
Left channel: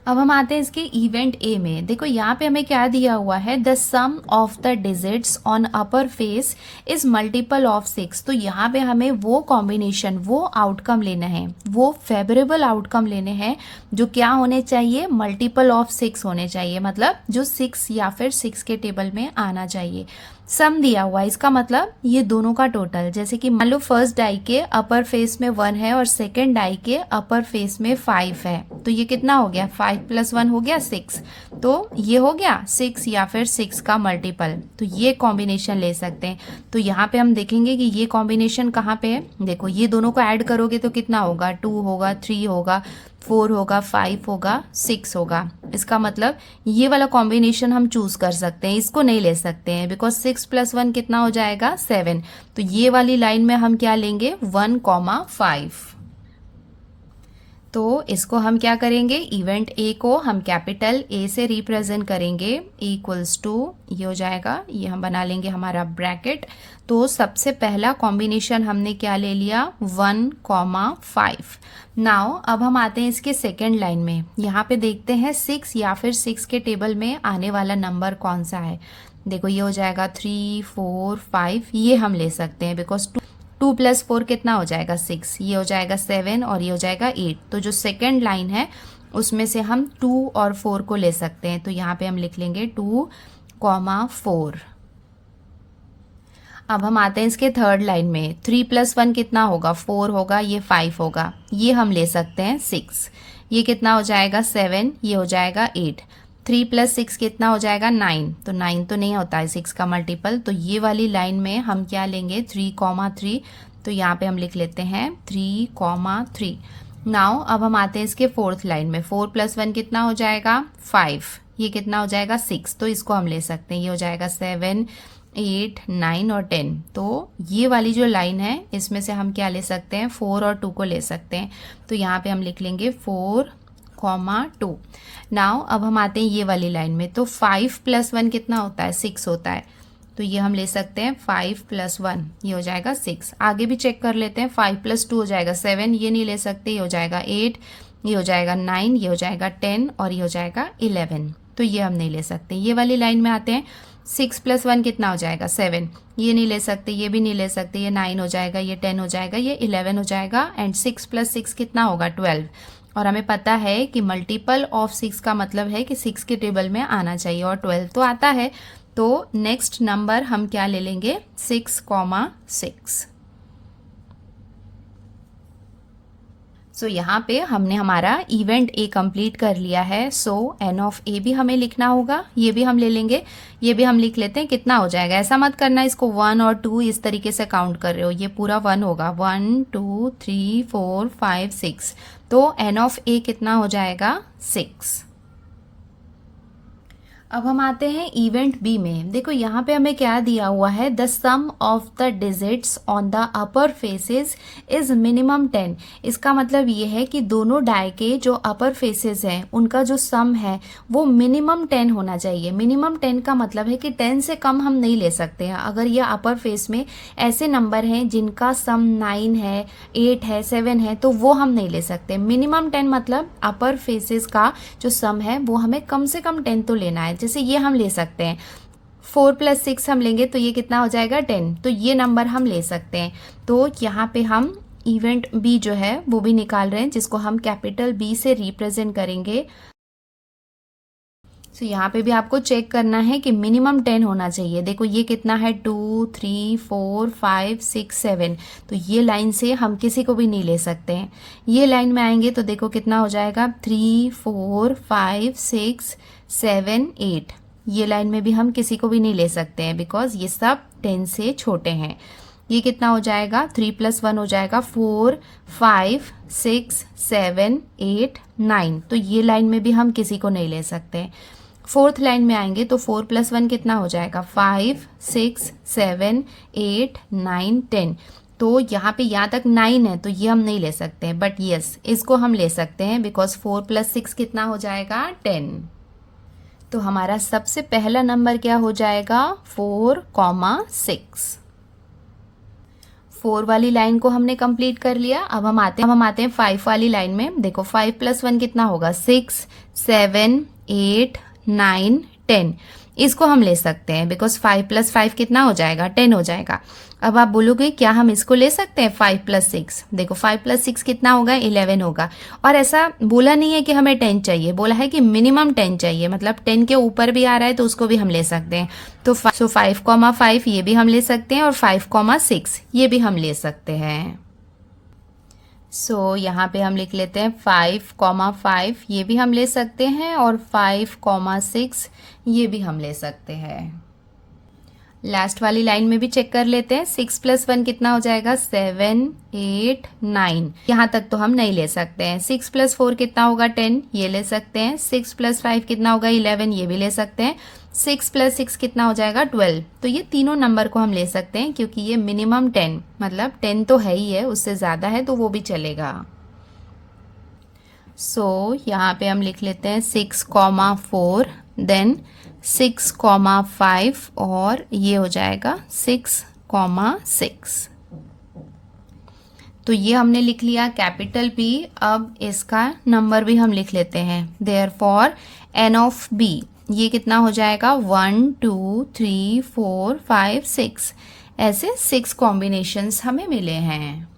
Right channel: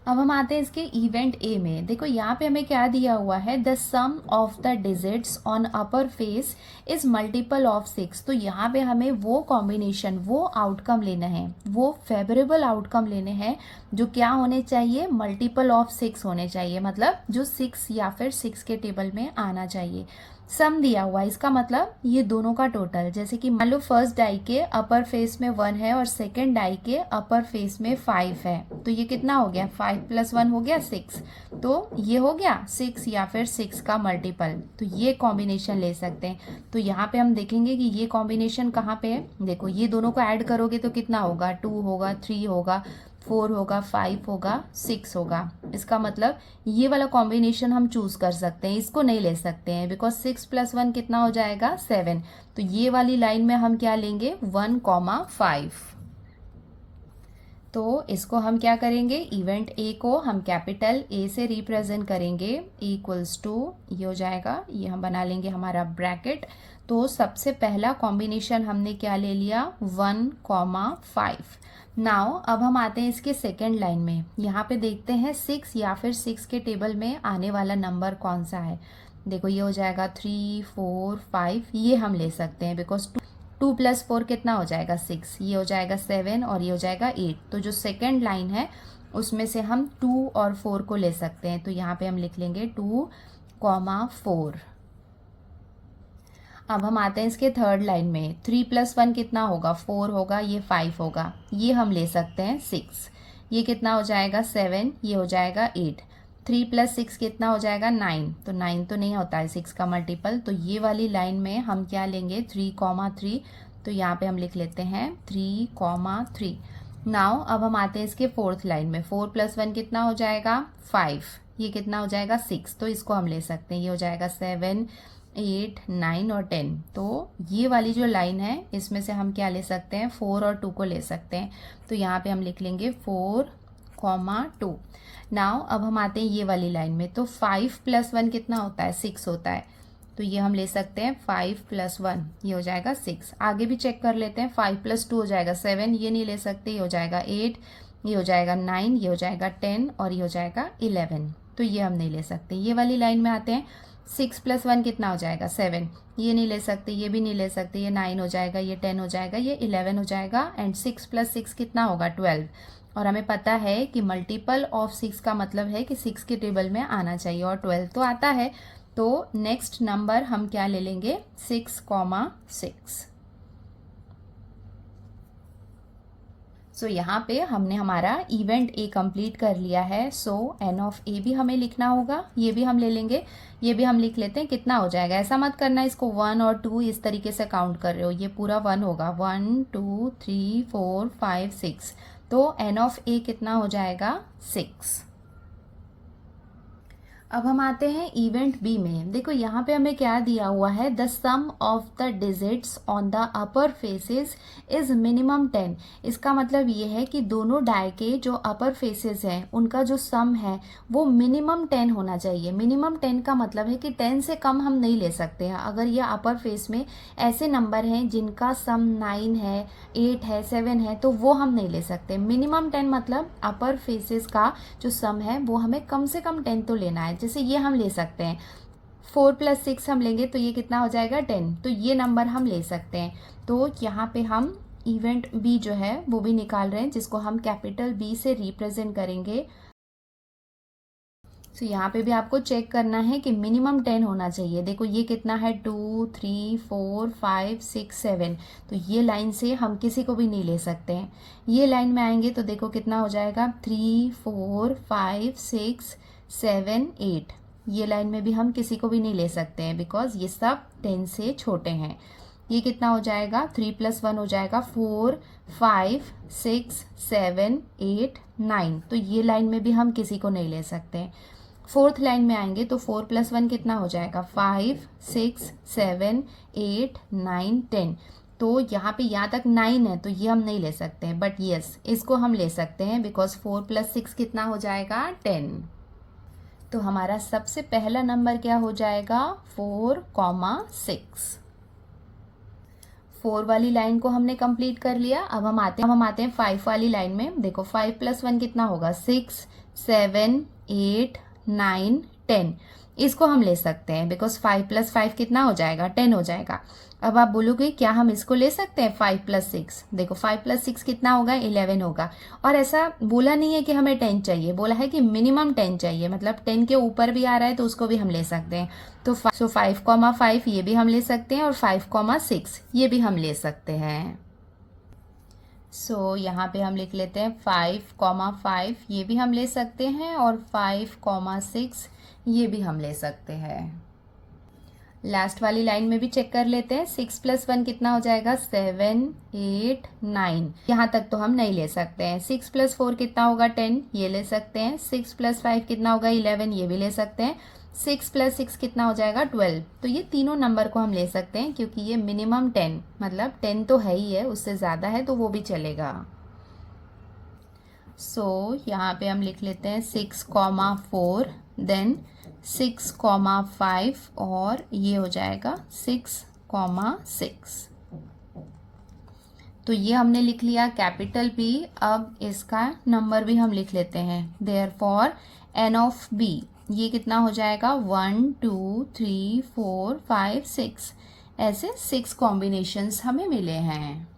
अब हम आते हैं इसके इवेंट ए में। देखो यहाँ पे हमें क्या दिया हुआ है, the sum of the digits on upper face is multiple of 6। तो यहाँ पे हमें वो कॉम्बिनेशन, वो आउटकम लेना है, वो फेवरेबल आउटकम लेने हैं जो क्या होने चाहिए, मल्टीपल ऑफ 6 होने चाहिए, मतलब जो 6 या फिर 6 के टेबल में आना चाहिए। सम दिया हुआ है, इसका मतलब ये दोनों का टोटल, जैसे कि मान लो फर्स्ट डाई के अपर फेस में 1 है और सेकेंड डाई के अपर फेस में 5 है, तो ये कितना हो गया, 5 + 1 हो गया 6। तो ये हो गया 6 या फिर 6 का मल्टीपल, तो ये कॉम्बिनेशन ले सकते हैं। तो यहाँ पे हम देखेंगे कि ये कॉम्बिनेशन कहाँ पे है। देखो ये दोनों को ऐड करोगे तो कितना होगा, 2 होगा, 3 होगा, 4 होगा, 5 होगा, 6 होगा। इसका मतलब ये वाला कॉम्बिनेशन हम चूज कर सकते हैं, इसको नहीं ले सकते हैं, बिकॉज 6 + 1 कितना हो जाएगा 7। तो ये वाली लाइन में हम क्या लेंगे, 1,5। तो इसको हम क्या करेंगे, इवेंट ए को हम कैपिटल ए से रिप्रेजेंट करेंगे, इक्वल्स टू ये हो जाएगा, ये हम बना लेंगे हमारा ब्रैकेट। तो सबसे पहला कॉम्बिनेशन हमने क्या ले लिया, 1,5। नाउ अब हम आते हैं इसके सेकेंड लाइन में। यहाँ पे देखते हैं 6 या फिर 6 के टेबल में आने वाला नंबर कौन सा है। देखो ये हो जाएगा 3, 4, 5, ये हम ले सकते हैं, बिकॉज 2 + 4 कितना हो जाएगा 6, ये हो जाएगा 7 और ये हो जाएगा 8। तो जो सेकेंड लाइन है उसमें से हम 2 और 4 को ले सकते हैं। तो यहाँ पे हम लिख लेंगे 2,4। अब हम आते हैं इसके थर्ड लाइन में। 3 + 1 कितना होगा, 4 होगा, ये 5 होगा, ये हम ले सकते हैं 6। ये कितना हो जाएगा 7, ये हो जाएगा 8। 3 + 6 कितना हो जाएगा 9। तो 9 तो नहीं होता है 6 का मल्टीपल, तो ये वाली लाइन में हम क्या लेंगे, 3,3। तो यहाँ पे हम लिख लेते हैं 3,3। नाउ अब हम आते हैं इसके फोर्थ लाइन में। 4 + 1 कितना हो जाएगा 5, ये कितना हो जाएगा 6। तो इसको हम ले सकते हैं, ये हो जाएगा 7, 8, 9 और 10। तो ये वाली जो लाइन है इसमें से हम क्या ले सकते हैं, 4 और 2 को ले सकते हैं। तो यहाँ पे हम लिख लेंगे 4,2। नाउ अब हम आते हैं ये वाली लाइन में। तो 5 + 1 कितना होता है, 6 होता है। तो ये हम ले सकते हैं 5 + 1, ये हो जाएगा 6। आगे भी चेक कर लेते हैं, 5 + 2 हो जाएगा 7, ये नहीं ले सकते, ये हो जाएगा 8, ये हो जाएगा 9, ये हो जाएगा 10 और ये हो जाएगा 11। तो ये हम नहीं ले सकते। ये वाली लाइन में आते हैं, 6 + 1 कितना हो जाएगा 7, ये नहीं ले सकते, ये भी नहीं ले सकते, ये 9 हो जाएगा, ये 10 हो जाएगा, ये 11 हो जाएगा, एंड 6 + 6 कितना होगा 12। और हमें पता है कि मल्टीपल ऑफ 6 का मतलब है कि 6 के टेबल में आना चाहिए, और 12 तो आता है। तो नेक्स्ट नंबर हम क्या ले लेंगे, 6,6। सो यहाँ पे हमने हमारा इवेंट ए कंप्लीट कर लिया है। सो एन ऑफ ए भी हमें लिखना होगा, ये भी हम ले लेंगे, ये भी हम लिख लेते हैं। कितना हो जाएगा, ऐसा मत करना इसको 1 और 2 इस तरीके से काउंट कर रहे हो, ये पूरा 1 होगा। 1, 2, 3, 4, 5, 6। तो एन ऑफ ए कितना हो जाएगा 6। अब हम आते हैं इवेंट बी में। देखो यहाँ पे हमें क्या दिया हुआ है, the sum of the digits on the upper faces is minimum 10। इसका मतलब ये है कि दोनों डाई के जो अपर फेसेस हैं उनका जो सम है वो मिनिमम 10 होना चाहिए। मिनिमम 10 का मतलब है कि 10 से कम हम नहीं ले सकते हैं। अगर ये अपर फेस में ऐसे नंबर हैं जिनका सम 9 है, 8 है, 7 है, तो वो हम नहीं ले सकते। मिनिमम 10 मतलब अपर फेसेस का जो सम है वो हमें कम से कम 10 तो लेना है। जैसे ये हम ले सकते हैं, 4 + 6 हम लेंगे तो ये कितना हो जाएगा 10। तो ये नंबर हम ले सकते हैं। तो यहाँ पे हम इवेंट बी जो है वो भी निकाल रहे हैं, जिसको हम कैपिटल बी से रिप्रेजेंट करेंगे। तो यहाँ पे भी आपको चेक करना है कि मिनिमम 10 होना चाहिए। देखो ये कितना है, 2, 3, 4, 5, 6, 7। तो ये लाइन से हम किसी को भी नहीं ले सकते हैं। ये लाइन में आएंगे तो देखो कितना हो जाएगा, 3, 4, 5, 6, 7, 8। ये लाइन में भी हम किसी को भी नहीं ले सकते हैं, बिकॉज ये सब 10 से छोटे हैं। ये कितना हो जाएगा, 3 + 1 हो जाएगा 4, 5, 6, 7, 8, 9। तो ये लाइन में भी हम किसी को नहीं ले सकते। फोर्थ लाइन में आएंगे तो 4 + 1 कितना हो जाएगा, 5, 6, 7, 8, 9, 10। तो यहाँ पे यहाँ तक 9 है तो ये हम नहीं ले सकते हैं, बट यस इसको हम ले सकते हैं बिकॉज 4 + 6 कितना हो जाएगा 10। तो हमारा सबसे पहला नंबर क्या हो जाएगा 4,6। 4 वाली लाइन को हमने कंप्लीट कर लिया। अब हम आते हैं 5 वाली लाइन में। देखो 5 + 1 कितना होगा 6, 7, 8, 9, 10। इसको हम ले सकते हैं बिकॉज 5 + 5 कितना हो जाएगा 10 हो जाएगा। अब आप बोलोगे क्या हम इसको ले सकते हैं 5 + 6? देखो 5 + 6 कितना होगा 11 होगा। और ऐसा बोला नहीं है कि हमें 10 चाहिए, बोला है कि मिनिमम 10 चाहिए, मतलब 10 के ऊपर भी आ रहा है तो उसको भी हम ले सकते हैं। तो 5,5 ये भी हम ले सकते हैं और 5,6 ये भी हम ले सकते हैं। यहाँ पे हम लिख लेते हैं 5,5 ये भी हम ले सकते हैं और 5,6 ये भी हम ले सकते हैं। लास्ट वाली लाइन में भी चेक कर लेते हैं। 6 + 1 कितना हो जाएगा 7, 8, 9। यहाँ तक तो हम नहीं ले सकते हैं। 6 + 4 कितना होगा 10 ये ले सकते हैं। 6 + 5 कितना होगा 11 ये भी ले सकते हैं। 6 + 6 कितना हो जाएगा 12। तो ये तीनों नंबर को हम ले सकते हैं क्योंकि ये मिनिमम 10 मतलब 10 तो है ही है, उससे ज़्यादा है तो वो भी चलेगा। यहाँ पे हम लिख लेते हैं 6,4 देन 6,5 और ये हो जाएगा 6,6। तो ये हमने लिख लिया कैपिटल B। अब इसका नंबर भी हम लिख लेते हैं। देयरफॉर n ऑफ B ये कितना हो जाएगा 1, 2, 3, 4, 5, 6। ऐसे 6 कॉम्बिनेशंस हमें मिले हैं।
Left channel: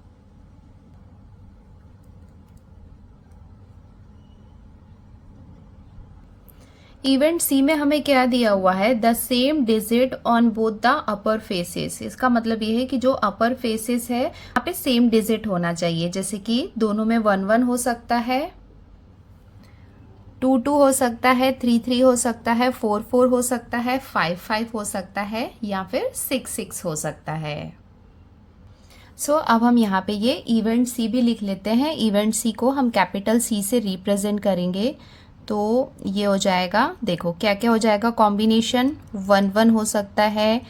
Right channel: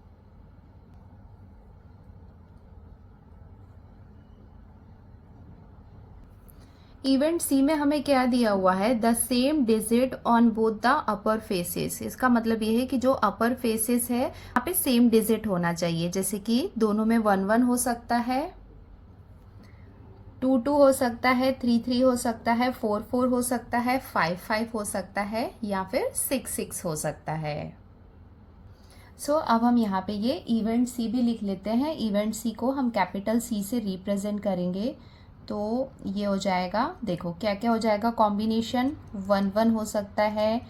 इवेंट सी में हमें क्या दिया हुआ है the same digit on both the upper faces. इसका मतलब ये है कि जो अपर फेसेस है यहाँ पे सेम डिजिट होना चाहिए, जैसे कि दोनों में 1, 1 हो सकता है, 2, 2 हो सकता है, 3, 3 हो सकता है, 4, 4 हो सकता है, 5, 5 हो सकता है या फिर 6, 6 हो सकता है। अब हम यहाँ पे ये इवेंट सी भी लिख लेते हैं। इवेंट सी को हम कैपिटल C से रिप्रेजेंट करेंगे तो ये हो जाएगा, देखो क्या क्या हो जाएगा कॉम्बिनेशन 1, 1 हो सकता है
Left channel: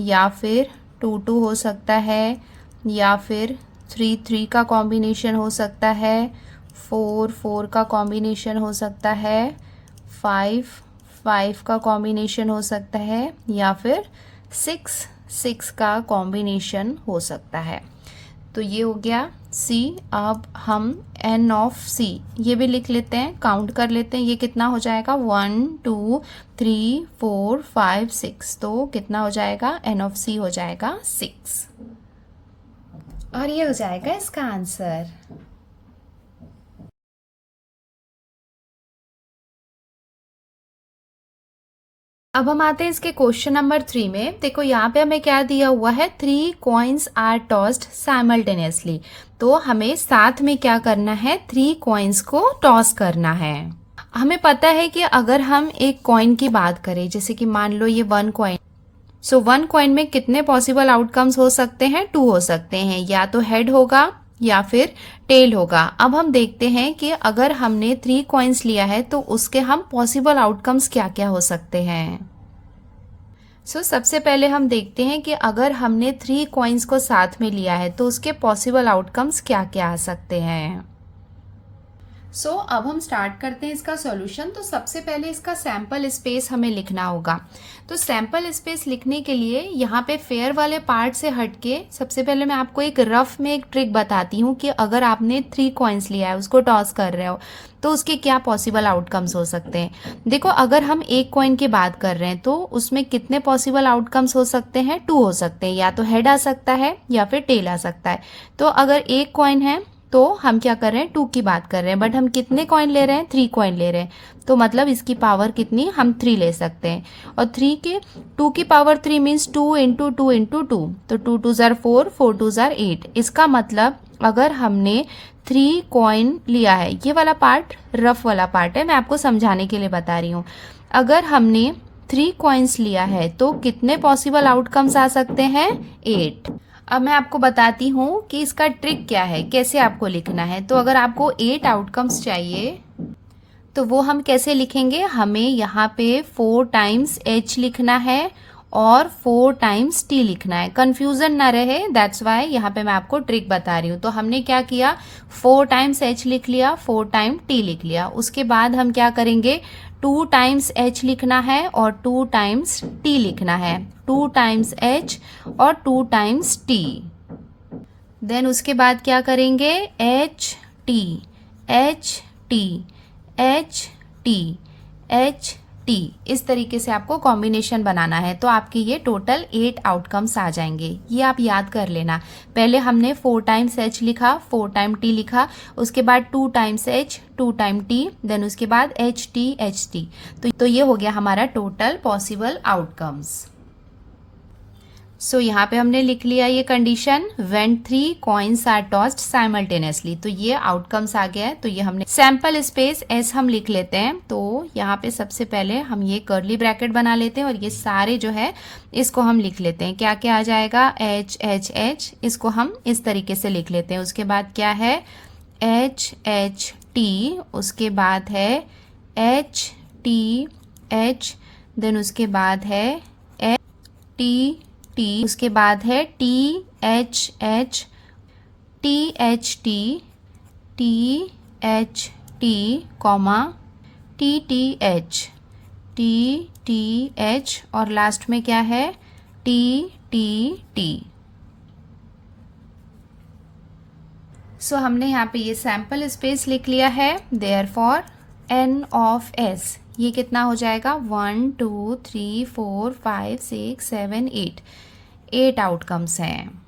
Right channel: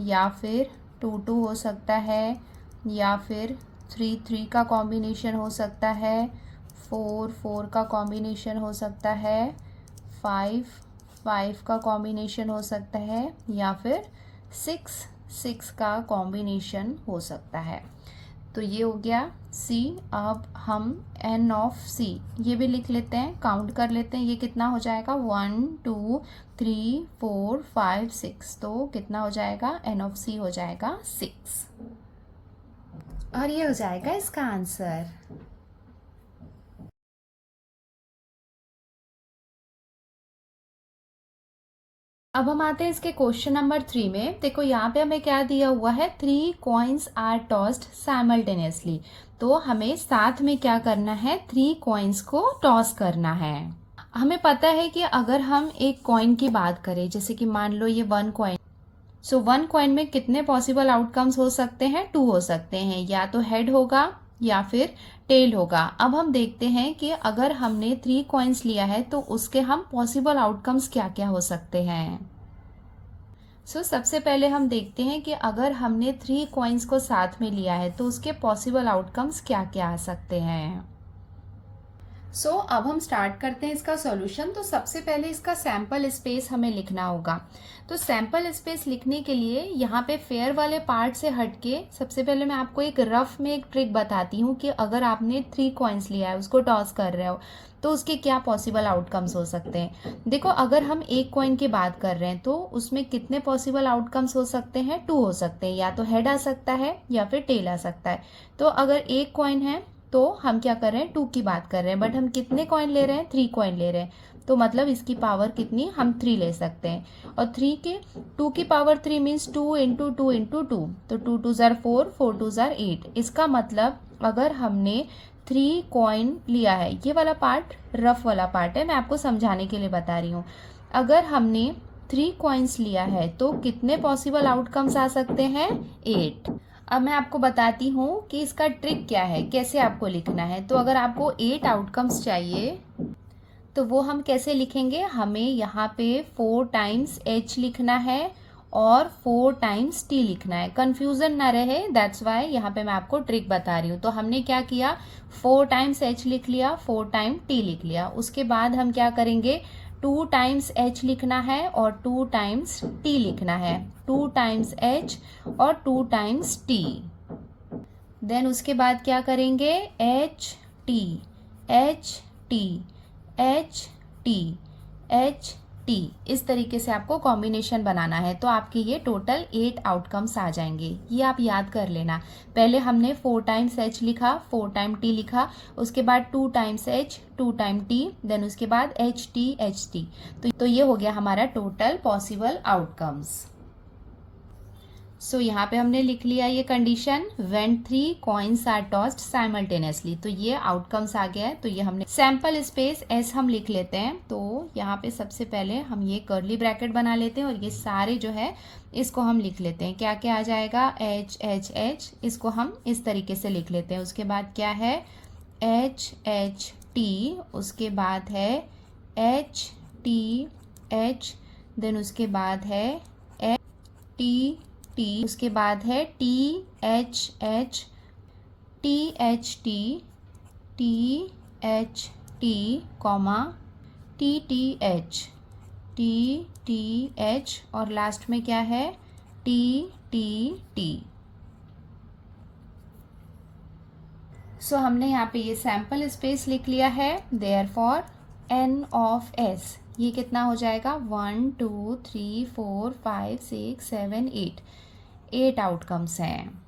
या फिर 2, 2 हो सकता है या फिर 3, 3 का कॉम्बिनेशन हो सकता है, 4, 4 का कॉम्बिनेशन हो सकता है, 5, 5 का कॉम्बिनेशन हो सकता है या फिर 6, 6 का कॉम्बिनेशन हो सकता है। तो ये हो गया C। अब हम n ऑफ C ये भी लिख लेते हैं, काउंट कर लेते हैं ये कितना हो जाएगा 1, 2, 3, 4, 5, 6। तो कितना हो जाएगा n ऑफ C हो जाएगा 6 और ये हो जाएगा इसका आंसर। अब हम आते हैं इसके क्वेश्चन नंबर 3 में। देखो यहाँ पे हमें क्या दिया हुआ है 3 कॉइन्स आर टॉस्ड साइमल्टेनियसली। तो हमें साथ में क्या करना है 3 कॉइन्स को टॉस करना है। हमें पता है कि अगर हम एक कॉइन की बात करें, जैसे कि मान लो ये 1 कॉइन, 1 कॉइन में कितने पॉसिबल आउटकम्स हो सकते हैं 2 हो सकते हैं, या तो हेड होगा या फिर टेल होगा। अब हम देखते हैं कि अगर हमने 3 कॉइन्स लिया है तो उसके हम पॉसिबल आउटकम्स क्या क्या हो सकते हैं। सबसे पहले हम देखते हैं कि अगर हमने 3 कॉइन्स को साथ में लिया है तो उसके पॉसिबल आउटकम्स क्या क्या आ सकते हैं। अब हम स्टार्ट करते हैं इसका सॉल्यूशन। तो सबसे पहले इसका सैंपल स्पेस हमें लिखना होगा। तो सैंपल स्पेस लिखने के लिए यहाँ पे फेयर वाले पार्ट से हटके सबसे पहले मैं आपको एक रफ में एक ट्रिक बताती हूँ कि अगर आपने 3 कॉइन्स लिया है उसको टॉस कर रहे हो तो उसके क्या पॉसिबल आउटकम्स हो सकते हैं। देखो अगर हम एक कॉइन की बात कर रहे हैं तो उसमें कितने पॉसिबल आउटकम्स हो सकते हैं 2 हो सकते हैं, या तो हेड आ सकता है या फिर टेल आ सकता है। तो अगर एक कॉइन है तो हम क्या कर रहे हैं 2 की बात कर रहे हैं, बट हम कितने कॉइन ले रहे हैं 3 कॉइन ले रहे हैं, तो मतलब इसकी पावर कितनी हम 3 ले सकते हैं। और 2 की पावर 3 मीन्स 2 × 2 × 2, तो 2 2 ज़ार 4, 4 2 ज़ार 8। इसका मतलब अगर हमने 3 कॉइन लिया है, ये वाला पार्ट रफ वाला पार्ट है, मैं आपको समझाने के लिए बता रही हूँ। अगर हमने 3 कॉइन्स लिया है तो कितने पॉसिबल आउटकम्स आ सकते हैं 8। अब मैं आपको बताती हूँ कि इसका ट्रिक क्या है, कैसे आपको लिखना है। तो अगर आपको 8 आउटकम्स चाहिए तो वो हम कैसे लिखेंगे, हमें यहाँ पे 4 टाइम्स H लिखना है और 4 टाइम्स टी लिखना है। कंफ्यूजन ना रहे, दैट्स वाई यहाँ पे मैं आपको ट्रिक बता रही हूँ। तो हमने क्या किया, 4 टाइम्स एच लिख लिया, 4 टाइम टी लिख लिया। उसके बाद हम क्या करेंगे, 2 टाइम्स एच लिखना है और 2 टाइम्स टी लिखना है। 2 टाइम्स एच और 2 टाइम्स टी। देन उसके बाद क्या करेंगे, H T, H T, H T, H T. इस तरीके से आपको कॉम्बिनेशन बनाना है। तो आपके ये टोटल 8 आउटकम्स आ जाएंगे। ये आप याद कर लेना। पहले हमने 4 टाइम्स एच लिखा, 4 टाइम टी लिखा, उसके बाद 2 times H, 2 time T, then उसके बाद एच टी। तो ये हो गया हमारा टोटल पॉसिबल आउटकम्स। सो यहाँ पे हमने लिख लिया ये condition, when 3 coins are tossed simultaneously. तो ये आउटकम्स आ गया है। तो ये हमने सैंपल स्पेस एस हम लिख लेते हैं। तो यहाँ पे सबसे पहले हम ये कर्ली ब्रैकेट बना लेते हैं और ये सारे जो है इसको हम लिख लेते हैं। क्या क्या आ जाएगा, एच एच एच, इसको हम इस तरीके से लिख लेते हैं। उसके बाद क्या है, एच एच टी, उसके बाद है एच टी एच, देन उसके बाद है एच टी टी, उसके बाद है T H H, T H T, T H T, comma T H, T H, और लास्ट में क्या है, टी टी। सो हमने यहाँ पे ये सैंपल स्पेस लिख लिया है। देयरफॉर एन ऑफ एस ये कितना हो जाएगा, 1 2 3 4 5 6 7 8 आउटकम्स हैं।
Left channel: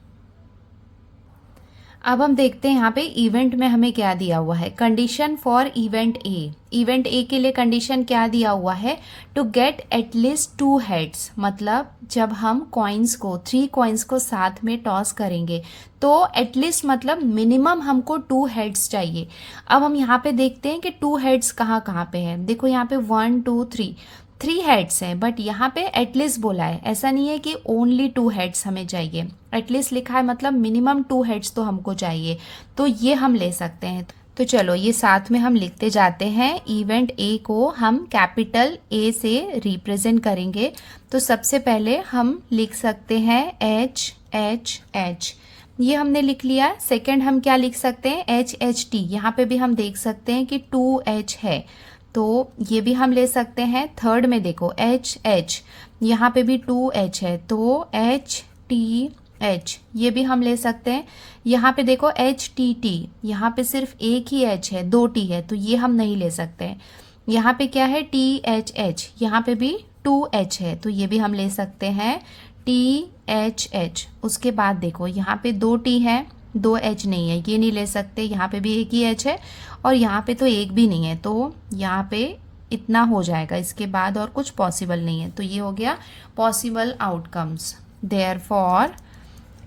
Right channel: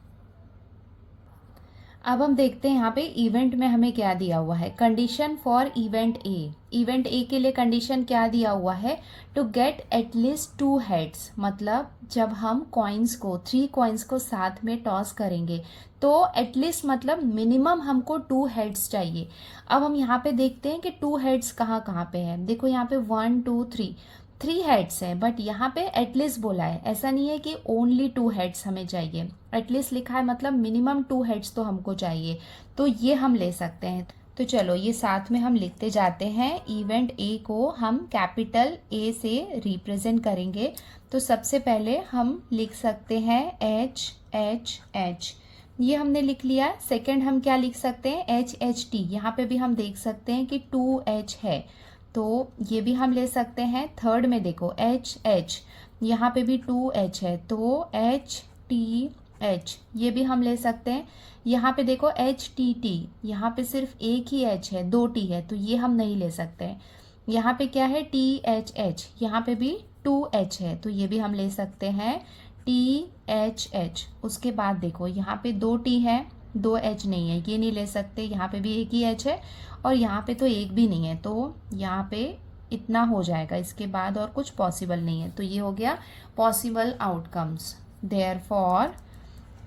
अब हम देखते हैं यहाँ पे इवेंट में हमें क्या दिया हुआ है। Condition for event A, event A के लिए कंडीशन क्या दिया हुआ है, टू गेट एटलीस्ट 2 हेड्स। मतलब जब हम कॉइन्स को 3 कॉइन्स को साथ में टॉस करेंगे तो एटलीस्ट मतलब मिनिमम हमको 2 हेड्स चाहिए। अब हम यहाँ पे देखते हैं कि 2 हेड्स कहाँ कहाँ पे है। देखो यहाँ पे 1 2 3 हेड्स है, बट यहाँ पे एटलीस्ट बोला है। ऐसा नहीं है कि ओनली 2 हेड्स हमें चाहिए, एटलीस्ट लिखा है मतलब मिनिमम 2 हेड्स तो हमको चाहिए। तो ये हम ले सकते हैं। तो चलो ये साथ में हम लिखते जाते हैं। इवेंट ए को हम कैपिटल ए से रिप्रेजेंट करेंगे। तो सबसे पहले हम लिख सकते हैं एच एच एच, ये हमने लिख लिया। सेकेंड हम क्या लिख सकते हैं, एच एच टी, यहाँ पे भी हम देख सकते हैं कि 2 एच है, तो ये भी हम ले सकते हैं। थर्ड में देखो एच एच, यहाँ पे भी 2 एच है, तो एच टी एच, ये भी हम ले सकते हैं। यहाँ पे देखो एच टी, यहाँ पे सिर्फ एक ही एच है, 2 टी है, तो ये हम नहीं ले सकते हैं। यहाँ पे क्या है, टी एच एच, यहाँ पे भी 2 एच है, तो ये भी हम ले सकते हैं, टी एच एच। उसके बाद देखो यहाँ पे 2 टी है, 2 एच नहीं है, ये नहीं ले सकते। यहाँ पे भी एक ही एच है और यहाँ पे तो एक भी नहीं है, तो यहाँ पे इतना हो जाएगा। इसके बाद और कुछ पॉसिबल नहीं है। तो ये हो गया possible outcomes. Therefore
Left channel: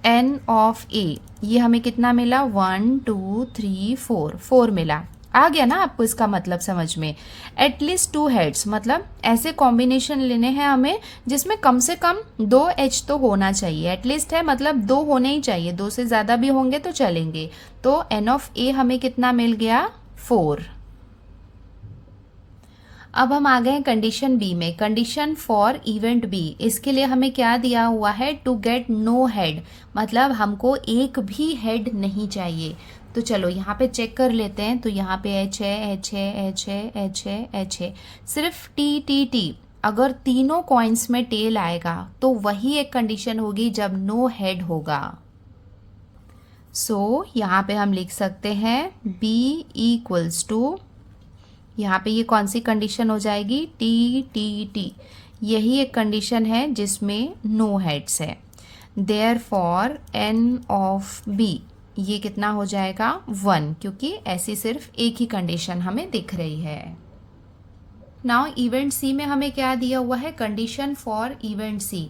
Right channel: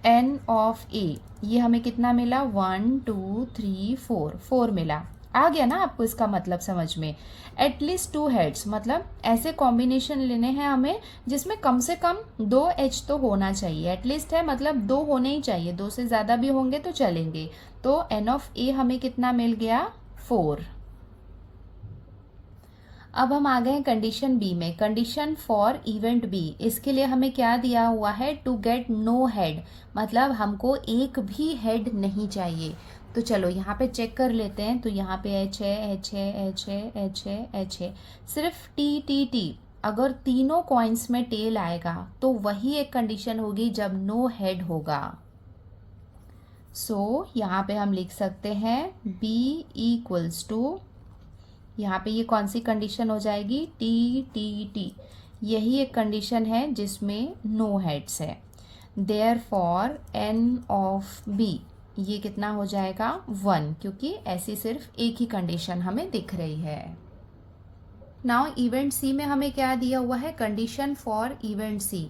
n of A, ये हमें कितना मिला, 1 2 3 4 मिला। आ गया ना आपको इसका मतलब समझ में। एटलीस्ट 2 हेड्स मतलब ऐसे कॉम्बिनेशन लेने हैं हमें जिसमें कम से कम 2 एच तो होना चाहिए। एटलीस्ट है मतलब 2 होने ही चाहिए, 2 से ज़्यादा भी होंगे तो चलेंगे। तो एन ऑफ ए हमें कितना मिल गया, 4। अब हम आ गए हैं कंडीशन बी में। कंडीशन फॉर इवेंट बी, इसके लिए हमें क्या दिया हुआ है, टू गेट नो हेड, मतलब हमको एक भी हेड नहीं चाहिए। तो चलो यहाँ पे चेक कर लेते हैं। तो यहाँ पे एच है, एच है, एच है, एच है, एच है, सिर्फ टी। अगर तीनों कॉइन्स में टेल आएगा तो वही एक कंडीशन होगी जब नो हेड होगा। सो यहाँ पे हम लिख सकते हैं बी इक्वल्स टू, यहाँ पे ये कौन सी कंडीशन हो जाएगी, टी। यही एक कंडीशन है जिसमें नो हेड्स है। देयरफॉर एन ऑफ बी, ये कितना हो जाएगा, 1, क्योंकि ऐसी सिर्फ एक ही कंडीशन हमें दिख रही है। नाउ इवेंट सी में हमें क्या दिया हुआ है, condition for event C,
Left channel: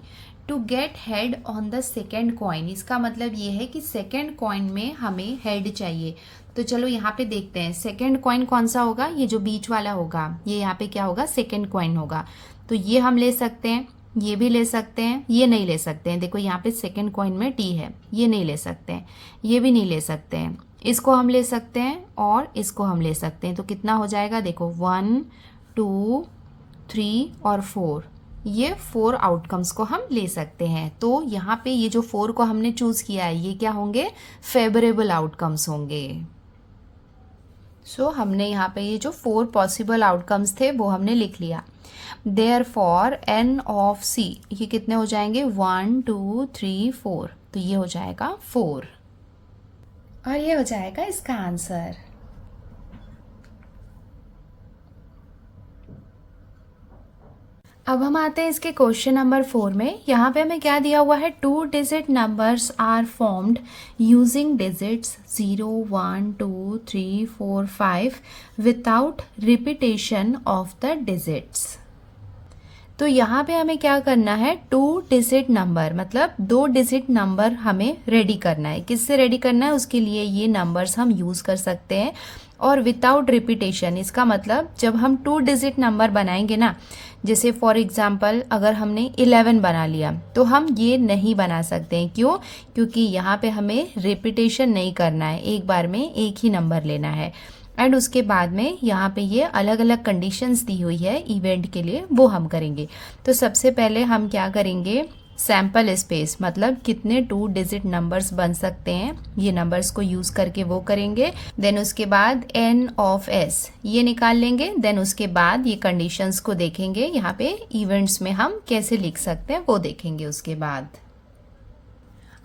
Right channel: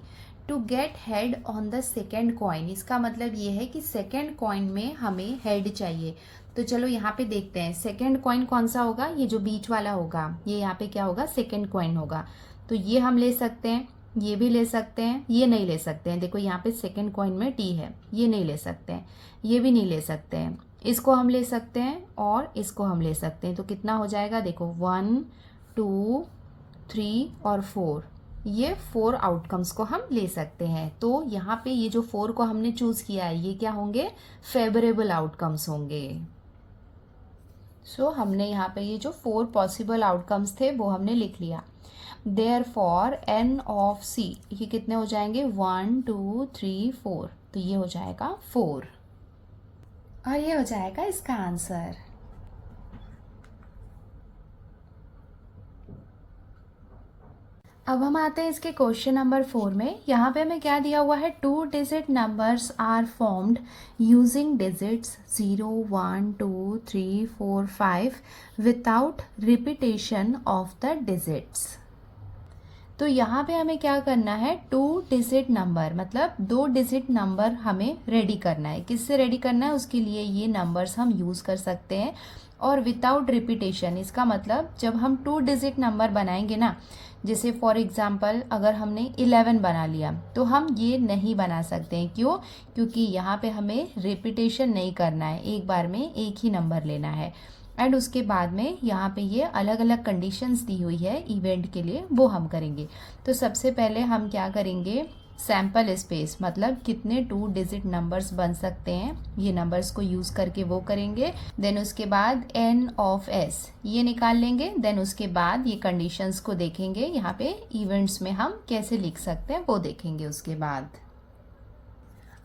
to get head on the second coin. इसका मतलब ये है कि सेकेंड कॉइन में हमें हेड चाहिए। तो चलो यहाँ पे देखते हैं सेकेंड कॉइन कौन सा होगा, ये जो बीच वाला होगा, ये यहाँ पे क्या होगा, सेकेंड कॉइन होगा। तो ये हम ले सकते हैं, ये भी ले सकते हैं, ये नहीं ले सकते हैं। देखो यहाँ पे सेकेंड कॉइन में टी है, ये नहीं ले सकते हैं, ये भी नहीं ले सकते हैं। इसको हम ले सकते हैं और इसको हम ले सकते हैं। तो कितना हो जाएगा, देखो 1 2 3 और 4, ये 4 आउटकम्स को हम ले सकते हैं। तो यहाँ पे ये जो 4 को हमने चूज किया है ये क्या होंगे, फेवरेबल आउटकम्स होंगे। सो हमने यहाँ पे ये जो 4 पॉसिबल आउटकम्स थे वो हमने लिख लिया। देयरफॉर n ऑफ c ये कितने हो जाएंगे, 1 2 3 4, तो ये हो जाएगा 4 और ये हो जाएगा इसका आंसर। अब हम आते हैं इसके क्वेश्चन नंबर 4 में। यहाँ पे हमें क्या दिया हुआ है, 2 digit numbers are formed using digits 0 1 2 3 4 5 without repetition of the digits. तो यहाँ पे हमें क्या करना है, 2 डिजिट नंबर मतलब 2 डिजिट नंबर हमें रेडी करना है। किससे रेडी करना है, उसके लिए ये नंबर्स हम यूज कर सकते हैं। और विदाउट रिपीटेशन, इसका मतलब जब हम 2 डिजिट नंबर बनाएंगे ना, जैसे फॉर एग्जाम्पल अगर हमने 11 बना लिया तो हम ये नहीं बना सकते हैं। क्यों, क्योंकि यहाँ पे हमें रिपीटेशन नहीं करना है, एक बार में एक ही नंबर लेना है। एंड उसके बाद में यहाँ पे ये अलग अलग कंडीशंस दी हुई है इवेंट के लिए, वो हम करेंगे। तो सबसे पहले हम क्या करेंगे, सैम्पल स्पेस मतलब कितने 2 डिजिट नंबर्स बन सकते हैं, ये नंबर्स को यूज करके वो करेंगे। देन उसके बाद n ऑफ s ये निकाल लेंगे। देन उसके बाद ये कंडीशंस को देखेंगे, यहाँ पे इवेंट्स में हम कैसे लिख सकते हैं वो देखेंगे उसके बाद।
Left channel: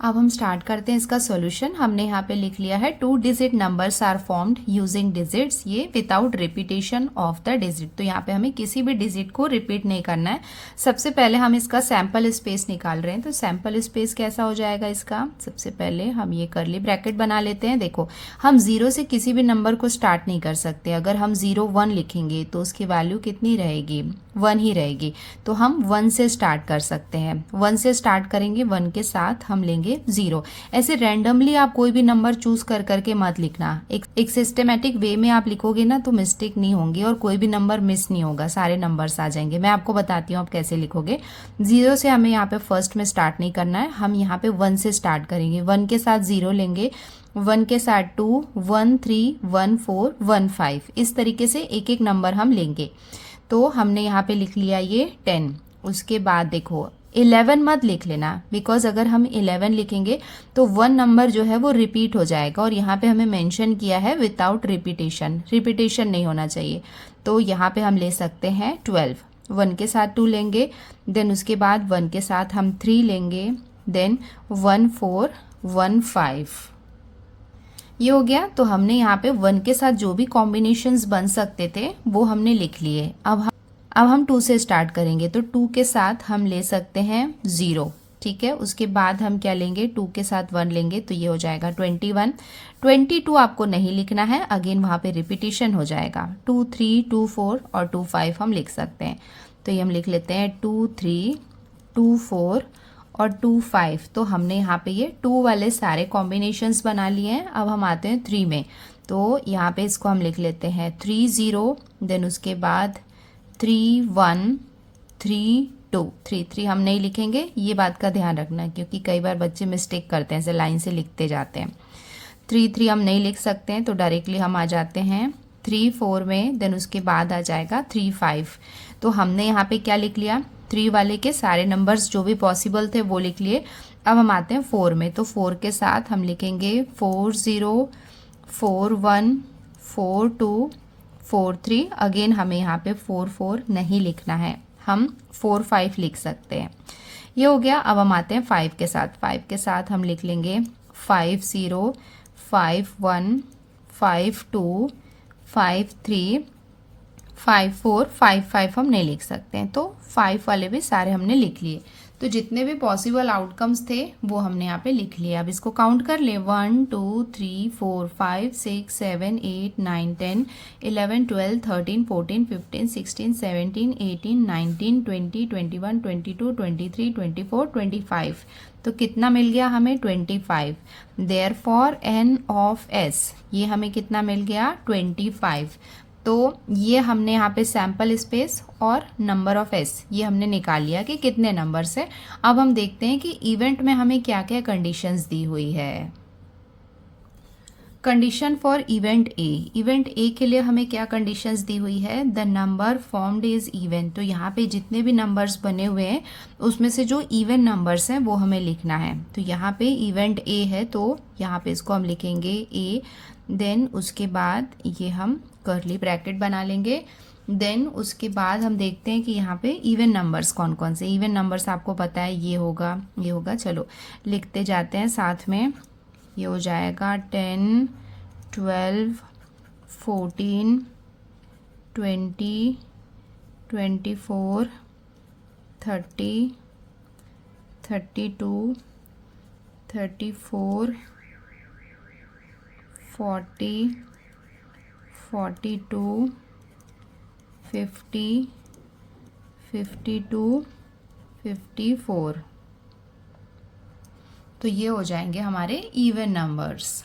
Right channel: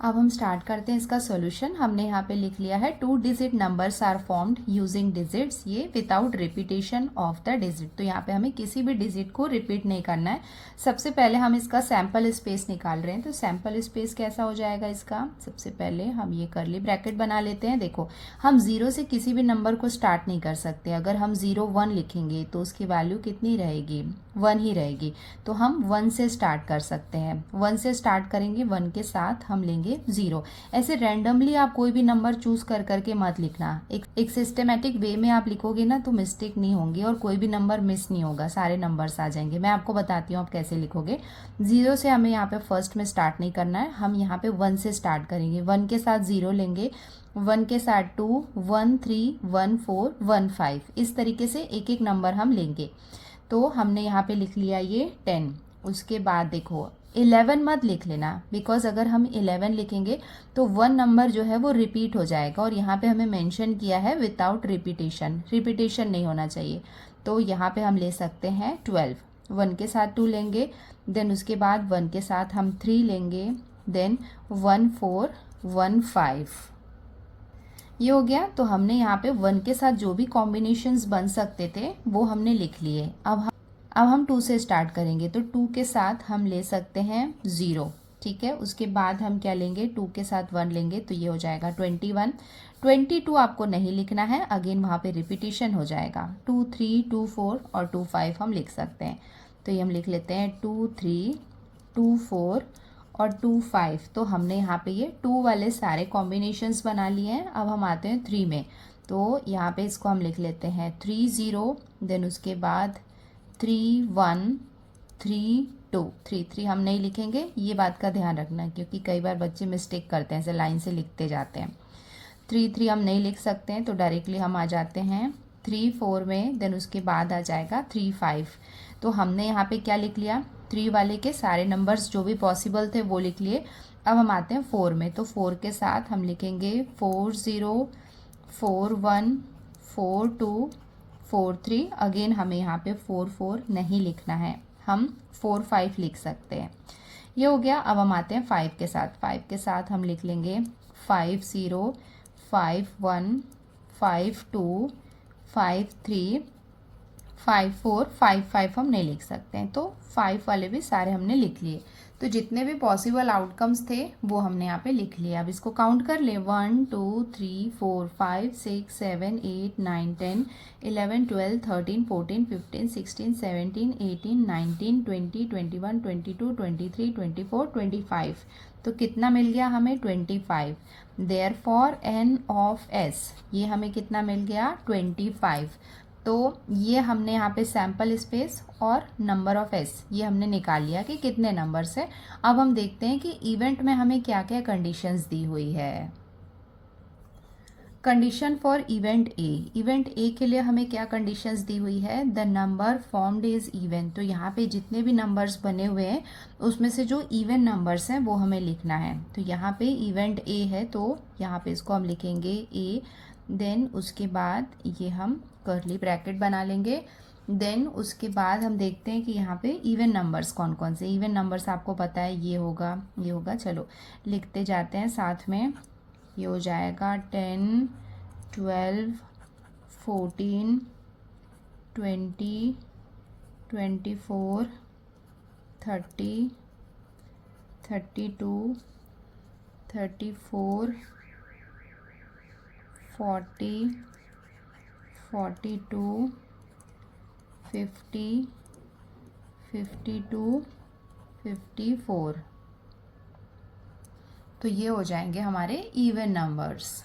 अब हम स्टार्ट करते हैं इसका सॉल्यूशन। हमने यहाँ पे लिख लिया है 2 digit numbers are formed using digits, ये without repetition of the digit. तो यहाँ पे हमें किसी भी डिजिट को रिपीट नहीं करना है। सबसे पहले हम इसका सैम्पल स्पेस निकाल रहे हैं। तो सैम्पल स्पेस कैसा हो जाएगा इसका, सबसे पहले हम ये कर्ली ब्रैकेट बना लेते हैं। देखो हम 0 से किसी भी नंबर को स्टार्ट नहीं कर सकते। अगर हम 0 1 लिखेंगे तो उसकी वैल्यू कितनी रहेगी, 1 ही रहेगी। तो हम 1 से स्टार्ट कर सकते हैं। 1 से स्टार्ट करेंगे, 1 के साथ हम लेंगे 0। ऐसे रैंडमली आप कोई भी नंबर चूज कर करके मत लिखना। एक सिस्टमेटिक वे में आप लिखोगे ना तो मिस्टेक नहीं होंगी और कोई भी नंबर मिस नहीं होगा, सारे नंबर्स आ जाएंगे। मैं आपको बताती हूँ आप कैसे लिखोगे। 0 से हमें यहाँ पे फर्स्ट में स्टार्ट नहीं करना है, हम यहाँ पे 1 से स्टार्ट करेंगे। 1 के साथ 0 लेंगे, 1 के साथ 2 1 3 1 4 1 5, इस तरीके से एक एक नंबर हम लेंगे। तो हमने यहाँ पे लिख लिया ये 10। उसके बाद देखो 11 मत लिख लेना, बिकॉज अगर हम 11 लिखेंगे तो 1 नंबर जो है वो रिपीट हो जाएगा। और यहाँ पे हमें मेंशन किया है विदाउट रिपीटेशन, रिपीटेशन नहीं होना चाहिए। तो यहाँ पे हम ले सकते हैं 12। 1 के साथ 2 लेंगे, देन उसके बाद 1 के साथ हम 3 लेंगे, देन 1 4 1 5, ये हो गया। तो हमने यहाँ पे 1 के साथ जो भी कॉम्बिनेशंस बन सकते थे वो हमने लिख लिए। अब हम 2 से स्टार्ट करेंगे। तो 2 के साथ हम ले सकते हैं 0, ठीक है। उसके बाद हम क्या लेंगे, 2 के साथ 1 लेंगे, तो ये हो जाएगा 21। 22 आपको नहीं लिखना है, अगेन वहाँ पे रिपीटेशन हो जाएगा। 2 3 2 4 और 2 5 हम लिख सकते हैं। तो ये हम लिख लेते हैं 2 3 2 4 और 2 5। तो हमने यहाँ पे ये 2 वाले सारे कॉम्बिनेशंस बना लिए हैं। अब हम आते हैं 3 में। तो यहाँ पे इसको हम लिख लेते हैं 3 0, देन उसके बाद 3 1 3 2। 3 3 हम नहीं लिखेंगे, ये बात का ध्यान रखना, क्योंकि कई बार बच्चे मिस्टेक करते हैं, ऐसे लाइन से लिखते जाते हैं। 3 3 हम नहीं लिख सकते हैं, तो डायरेक्टली हम आ जाते हैं 3 4 में, देन उसके बाद आ जाएगा 3 5। तो हमने यहाँ पे क्या लिख लिया, 3 वाले के सारे नंबर्स जो भी पॉसिबल थे वो लिख लिए। अब हम आते हैं 4 में। तो 4 के साथ हम लिखेंगे 4 0 4 1 4 2 4 3। अगेन हमें यहाँ पे 4 4 नहीं लिखना है, हम 4 5 लिख सकते हैं। ये हो गया। अब हम आते हैं 5 के साथ। 5 के साथ हम लिख लेंगे 5 0 5 1 5 2 5 3 5 4 5 5 हम नहीं लिख सकते हैं। तो 5 वाले भी सारे हमने लिख लिए। तो जितने भी पॉसिबल आउटकम्स थे वो हमने यहाँ पे लिख लिए। अब इसको काउंट कर ले, 1 2 3 4 5 6 7 8 9 10 11 12 13 14 15 16 17 18 19 20 21 22 23 24 25। तो कितना मिल गया हमें, 25। देयरफॉर n ऑफ s ये हमें कितना मिल गया, 25। तो ये हमने यहाँ पे सैम्पल स्पेस और नंबर ऑफ s ये हमने निकाल लिया कि कितने नंबर्स है। अब हम देखते हैं कि इवेंट में हमें क्या क्या कंडीशंस दी हुई है। कंडीशन फॉर इवेंट ए के लिए हमें क्या कंडीशंस दी हुई है, the number formed is even. तो यहाँ पे जितने भी नंबर्स बने हुए हैं उसमें से जो इवन नंबर्स हैं वो हमें लिखना है। तो यहाँ पे इवेंट ए है तो यहाँ पे इसको हम लिखेंगे ए, देन उसके बाद ये हम कर्ली ब्रैकेट बना लेंगे। देन उसके बाद हम देखते हैं कि यहाँ पे इवन नंबर्स कौन कौन से, इवन नंबर्स आपको पता है ये होगा, चलो लिखते जाते हैं साथ में। ये हो जाएगा 10, 12, 14, 20, 24, 30, 32, 34, 40, 42, 50, 52, 54। तो ये हो जाएंगे हमारे इवन नंबर्स।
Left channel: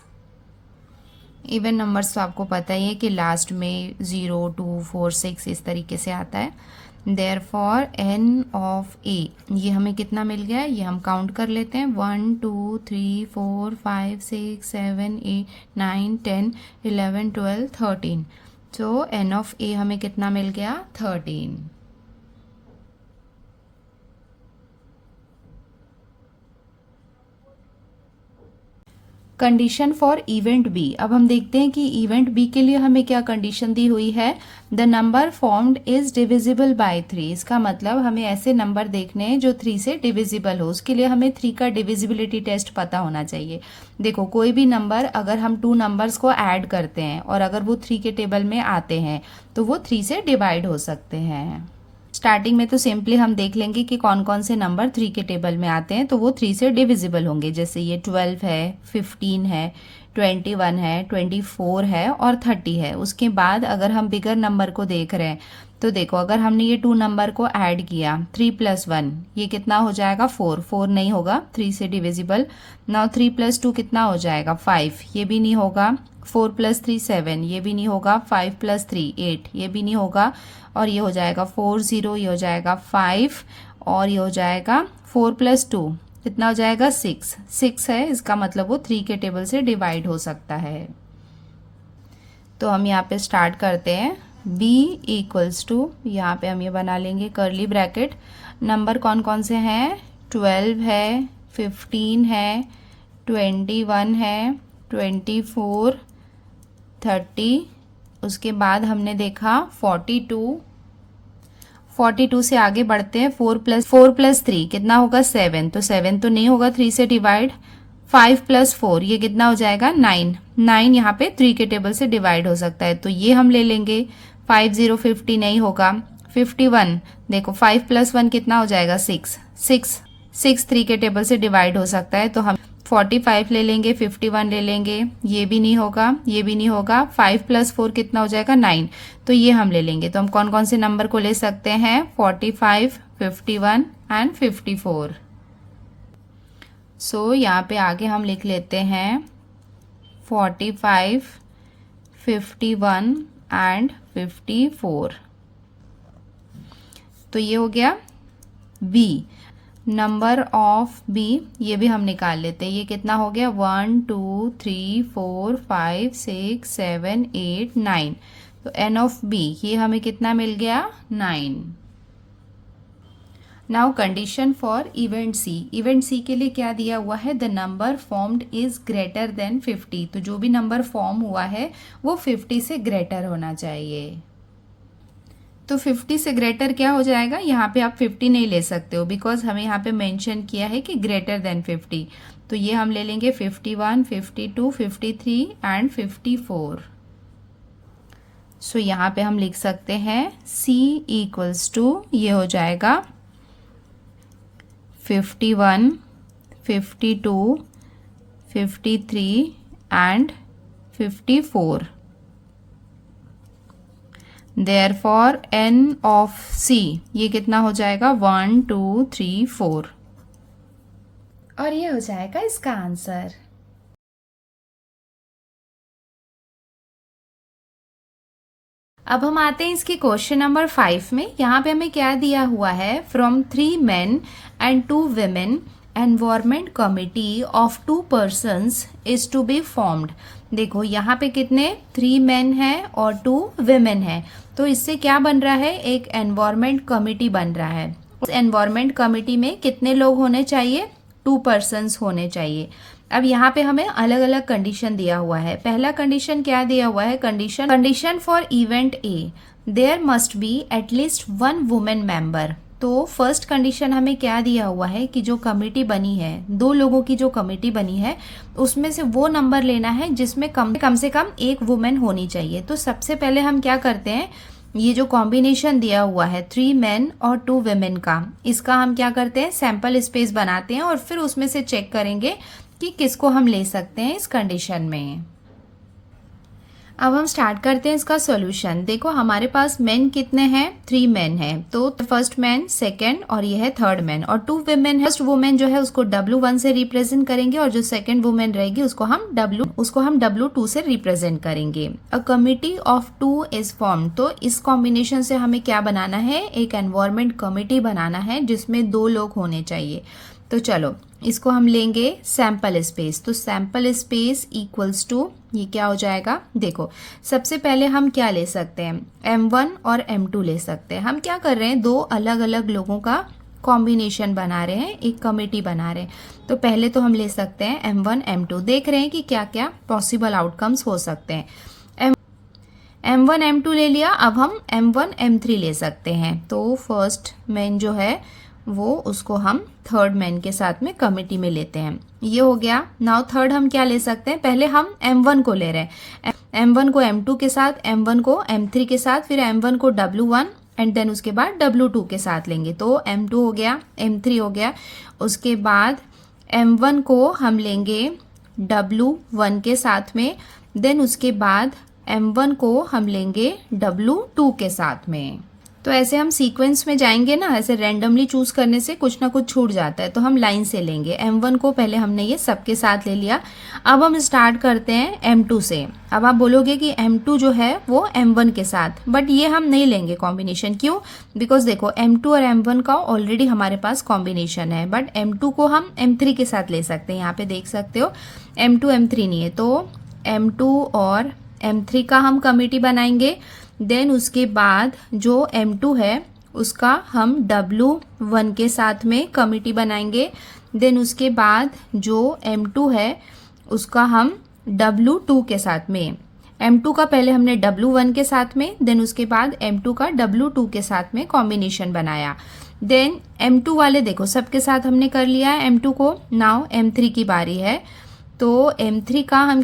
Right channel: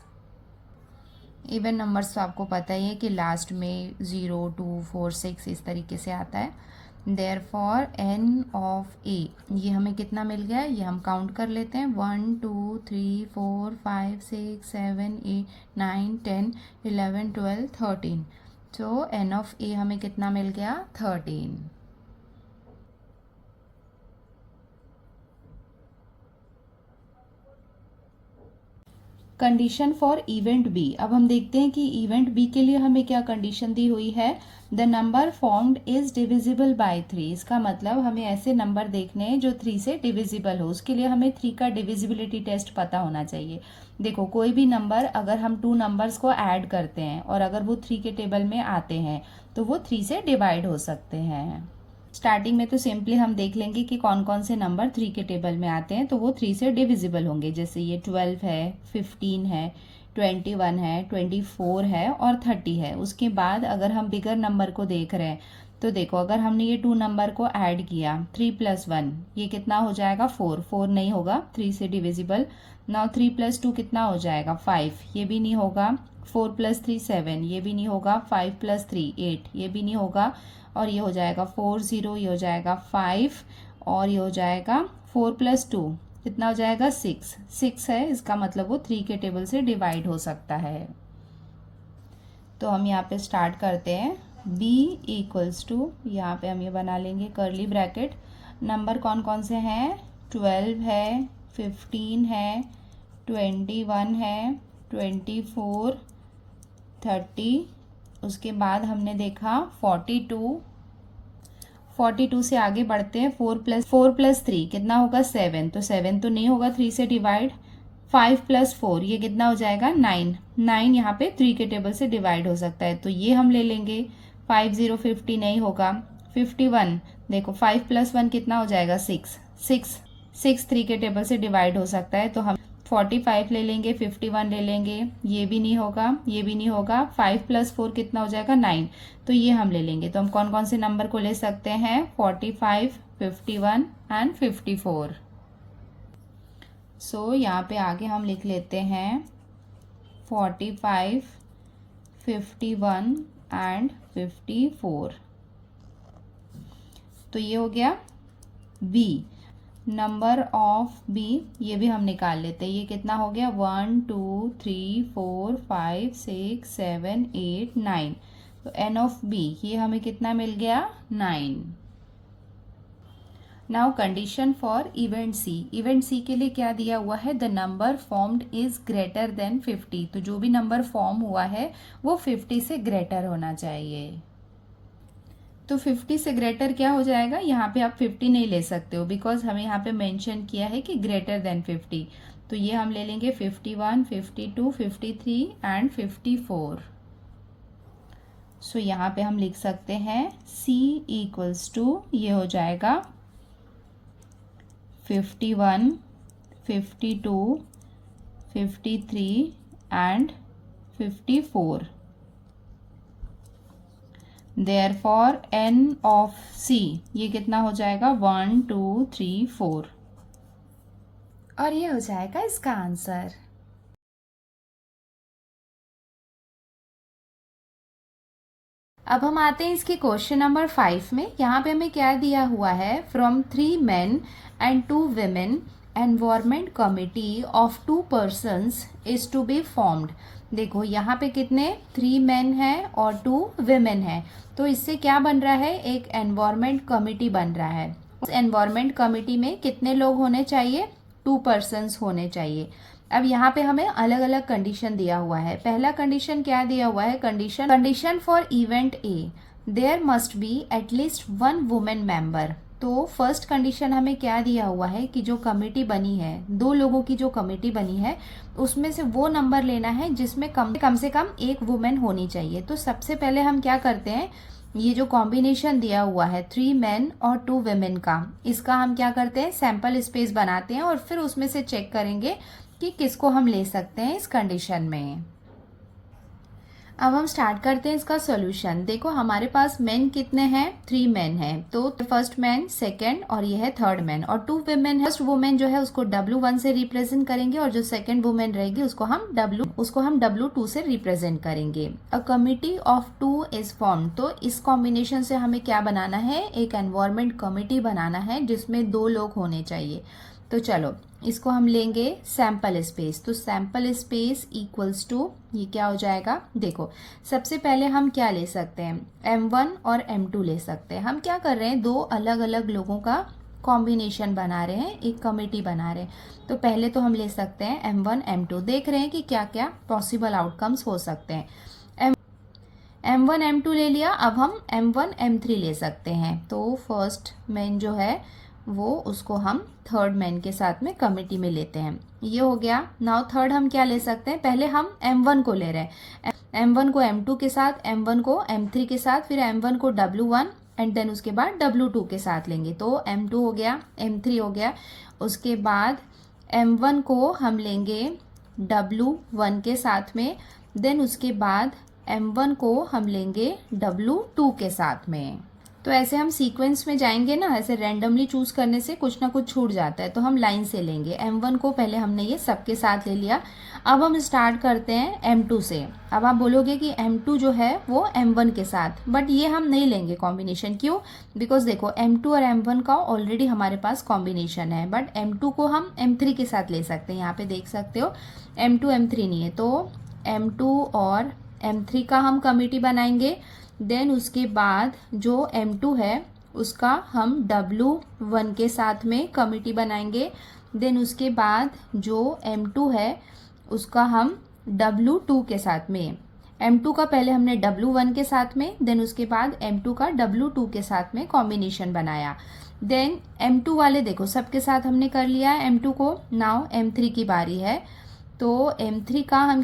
इवन नंबर्स तो आपको पता ही है कि लास्ट में 0, 2, 4, 6 इस तरीके से आता है। देयरफॉर n ऑफ a, ये हमें कितना मिल गया है, ये हम काउंट कर लेते हैं। 1, 2, 3, 4, 5, 6, 7, 8, 9, 10, 11, 12, 13। तो n ऑफ a हमें कितना मिल गया, 13। कंडीशन फॉर इवेंट बी, अब हम देखते हैं कि इवेंट बी के लिए हमें क्या कंडीशन दी हुई है, the number formed is divisible by 3। इसका मतलब हमें ऐसे नंबर देखने हैं जो 3 से डिविजिबल हो। उसके लिए हमें 3 का डिविजिबिलिटी टेस्ट पता होना चाहिए। देखो कोई भी नंबर अगर हम 2 नंबर्स को ऐड करते हैं और अगर वो 3 के टेबल में आते हैं तो वो 3 से डिवाइड हो सकते हैं। स्टार्टिंग में तो सिंपली हम देख लेंगे कि कौन कौन से नंबर 3 के टेबल में आते हैं तो वो 3 से डिविजिबल होंगे। जैसे ये 12 है, 15 है, 21 है, 24 है और 30 है। उसके बाद अगर हम बिगर नंबर को देख रहे हैं तो देखो अगर हमने ये 2 नंबर को ऐड किया 3 + 1, ये कितना हो जाएगा 4, 4 नहीं होगा 3 से डिविजिबल। नाउ 3 + 2 कितना हो जाएगा 5, ये भी नहीं होगा। 4 + 3 7, ये भी नहीं होगा। 5 + 3 8, ये भी नहीं होगा। और ये हो जाएगा 4 0, ये हो जाएगा 5 और ये हो जाएगा 4 + 2 कितना हो जाएगा 6, 6 है। इसका मतलब वो 3 के टेबल से डिवाइड हो सकता है। तो हम यहाँ पे स्टार्ट करते हैं। b = यहाँ पे हम ये बना लेंगे कर्ली ब्रैकेट। नंबर कौन कौन से हैं, 12 है, 15 है, 21 है, 24, 30। उसके बाद हमने देखा 42 से आगे बढ़ते हैं। 4 + 3 कितना होगा 7, तो 7 तो नहीं होगा 3 से डिवाइड। 5 + 4 ये कितना हो जाएगा 9, 9 यहाँ पे 3 के टेबल से डिवाइड हो सकता है तो ये हम ले लेंगे। 50 50 नहीं होगा। 51 देखो 5 + 1 कितना हो जाएगा 6, 6 3 के टेबल से डिवाइड हो सकता है तो हम 45 ले लेंगे, 51 ले लेंगे, ये भी नहीं होगा, ये भी नहीं होगा। 5 + 4 कितना हो जाएगा 9, तो ये हम ले लेंगे। तो हम कौन कौन से नंबर को ले सकते हैं, 45, 51 एंड 54। सो यहाँ पे आगे हम लिख लेते हैं 45, 51 एंड 54। तो ये हो गया बी। नंबर ऑफ बी ये भी हम निकाल लेते हैं। ये कितना हो गया 1 2 3 4 5 6 7 8 9। तो एन ऑफ बी ये हमें कितना मिल गया 9। Now condition for event C. Event C के लिए क्या दिया हुआ है, the number formed is greater than 50। तो जो भी नंबर फॉर्म हुआ है वो 50 से ग्रेटर होना चाहिए। तो 50 से ग्रेटर क्या हो जाएगा, यहाँ पे आप 50 नहीं ले सकते हो बिकॉज हमें यहाँ पे मेंशन किया है कि ग्रेटर देन 50। तो ये हम ले लेंगे 51, 52, 53 एंड 54। सो यहाँ पे हम लिख सकते हैं C = ये हो जाएगा 51, 52, 53 and 54। Therefore n of C ये कितना हो जाएगा 1 2 3 4 और ये हो जाएगा इसका आंसर। अब हम आते हैं इसके क्वेश्चन नंबर 5 में। यहाँ पे हमें क्या दिया हुआ है, from 3 men and 2 women environment committee of 2 persons is to be formed। देखो यहाँ पे कितने 3 मेन हैं और 2 विमेन हैं, तो इससे क्या बन रहा है, एक एनवायरमेंट कमिटी बन रहा है। उस एनवायरमेंट कमिटी में कितने लोग होने चाहिए, 2 पर्सन्स होने चाहिए। अब यहाँ पे हमें अलग अलग कंडीशन दिया हुआ है। पहला कंडीशन क्या दिया हुआ है, condition for event A, there must be at least 1 women member. तो फर्स्ट कंडीशन हमें क्या दिया हुआ है कि जो कमेटी बनी है, 2 लोगों की जो कमेटी बनी है, उसमें से वो नंबर लेना है जिसमें कम से कम 1 वुमेन होनी चाहिए। तो सबसे पहले हम क्या करते हैं, ये जो कॉम्बिनेशन दिया हुआ है 3 मेन और 2 वेमेन का, इसका हम क्या करते हैं, सैंपल स्पेस बनाते हैं और फिर उसमें से चेक करेंगे कि किसको हम ले सकते हैं इस कंडीशन में। अब हम स्टार्ट करते हैं इसका सॉल्यूशन। देखो हमारे पास मेन कितने हैं, 3 मेन हैं, तो फर्स्ट मैन, सेकंड और ये है थर्ड मैन, और 2 वुमेन है। फर्स्ट वुमेन जो है उसको W1 से रिप्रेजेंट करेंगे और जो सेकंड वुमेन रहेगी उसको हम W2 से रिप्रेजेंट करेंगे। A committee of 2 is form, तो इस कॉम्बिनेशन से हमें क्या बनाना है, एक एनवायरमेंट कमिटी बनाना है जिसमें 2 लोग होने चाहिए। तो चलो इसको हम लेंगे सैंपल स्पेस, तो सैंपल स्पेस इक्वल्स टू, ये क्या हो जाएगा, देखो सबसे पहले हम क्या ले सकते हैं, M1 और M2 ले सकते हैं। हम क्या कर रहे हैं, 2 अलग अलग लोगों का कॉम्बिनेशन बना रहे हैं, एक कमेटी बना रहे हैं। तो पहले तो हम ले सकते हैं M1 M2, देख रहे हैं कि क्या क्या पॉसिबल आउटकम्स हो सकते हैं। M1 M2 ले लिया, अब हम M1 M3 ले सकते हैं। तो फर्स्ट मैन जो है वो उसको हम थर्ड मैन के साथ में कमिटी में लेते हैं, ये हो गया। नाउ थर्ड हम क्या ले सकते हैं, पहले हम M1 को ले रहे हैं, M1 को M2 के साथ, M1 को M3 के साथ, फिर M1 को W1 एंड देन उसके बाद W2 के साथ लेंगे। तो M2 हो गया, M3 हो गया, उसके बाद M1 को हम लेंगे W1 के साथ में, देन उसके बाद M1 को हम लेंगे W2 के साथ में। तो ऐसे हम सीक्वेंस में जाएंगे ना, ऐसे रैंडमली चूज करने से कुछ ना कुछ छूट जाता है, तो हम लाइन से लेंगे। M1 को पहले हमने ये सबके साथ ले लिया। अब हम स्टार्ट करते हैं M2 से। अब आप बोलोगे कि M2 जो है वो M1 के साथ, बट ये हम नहीं लेंगे कॉम्बिनेशन, क्यों, बिकॉज देखो M2 और M1 का ऑलरेडी हमारे पास कॉम्बिनेशन है, बट M2 को हम M3 के साथ ले सकते हैं। यहाँ पे देख सकते हो M2 M3 नहीं है, तो M2 और M3 का हम कमिटी बनाएंगे। देन उसके बाद जो M2 है उसका हम W1 के साथ में कमिटी बनाएंगे। देन उसके बाद जो M2 है उसका हम W2 के साथ में, M2 का पहले हमने W1 के साथ में, देन उसके बाद M2 का W2 के साथ में कॉम्बिनेशन बनाया। देन M2 वाले देखो सबके साथ हमने कर लिया है M2 को। नाउ M3 की बारी है, तो M3 का हम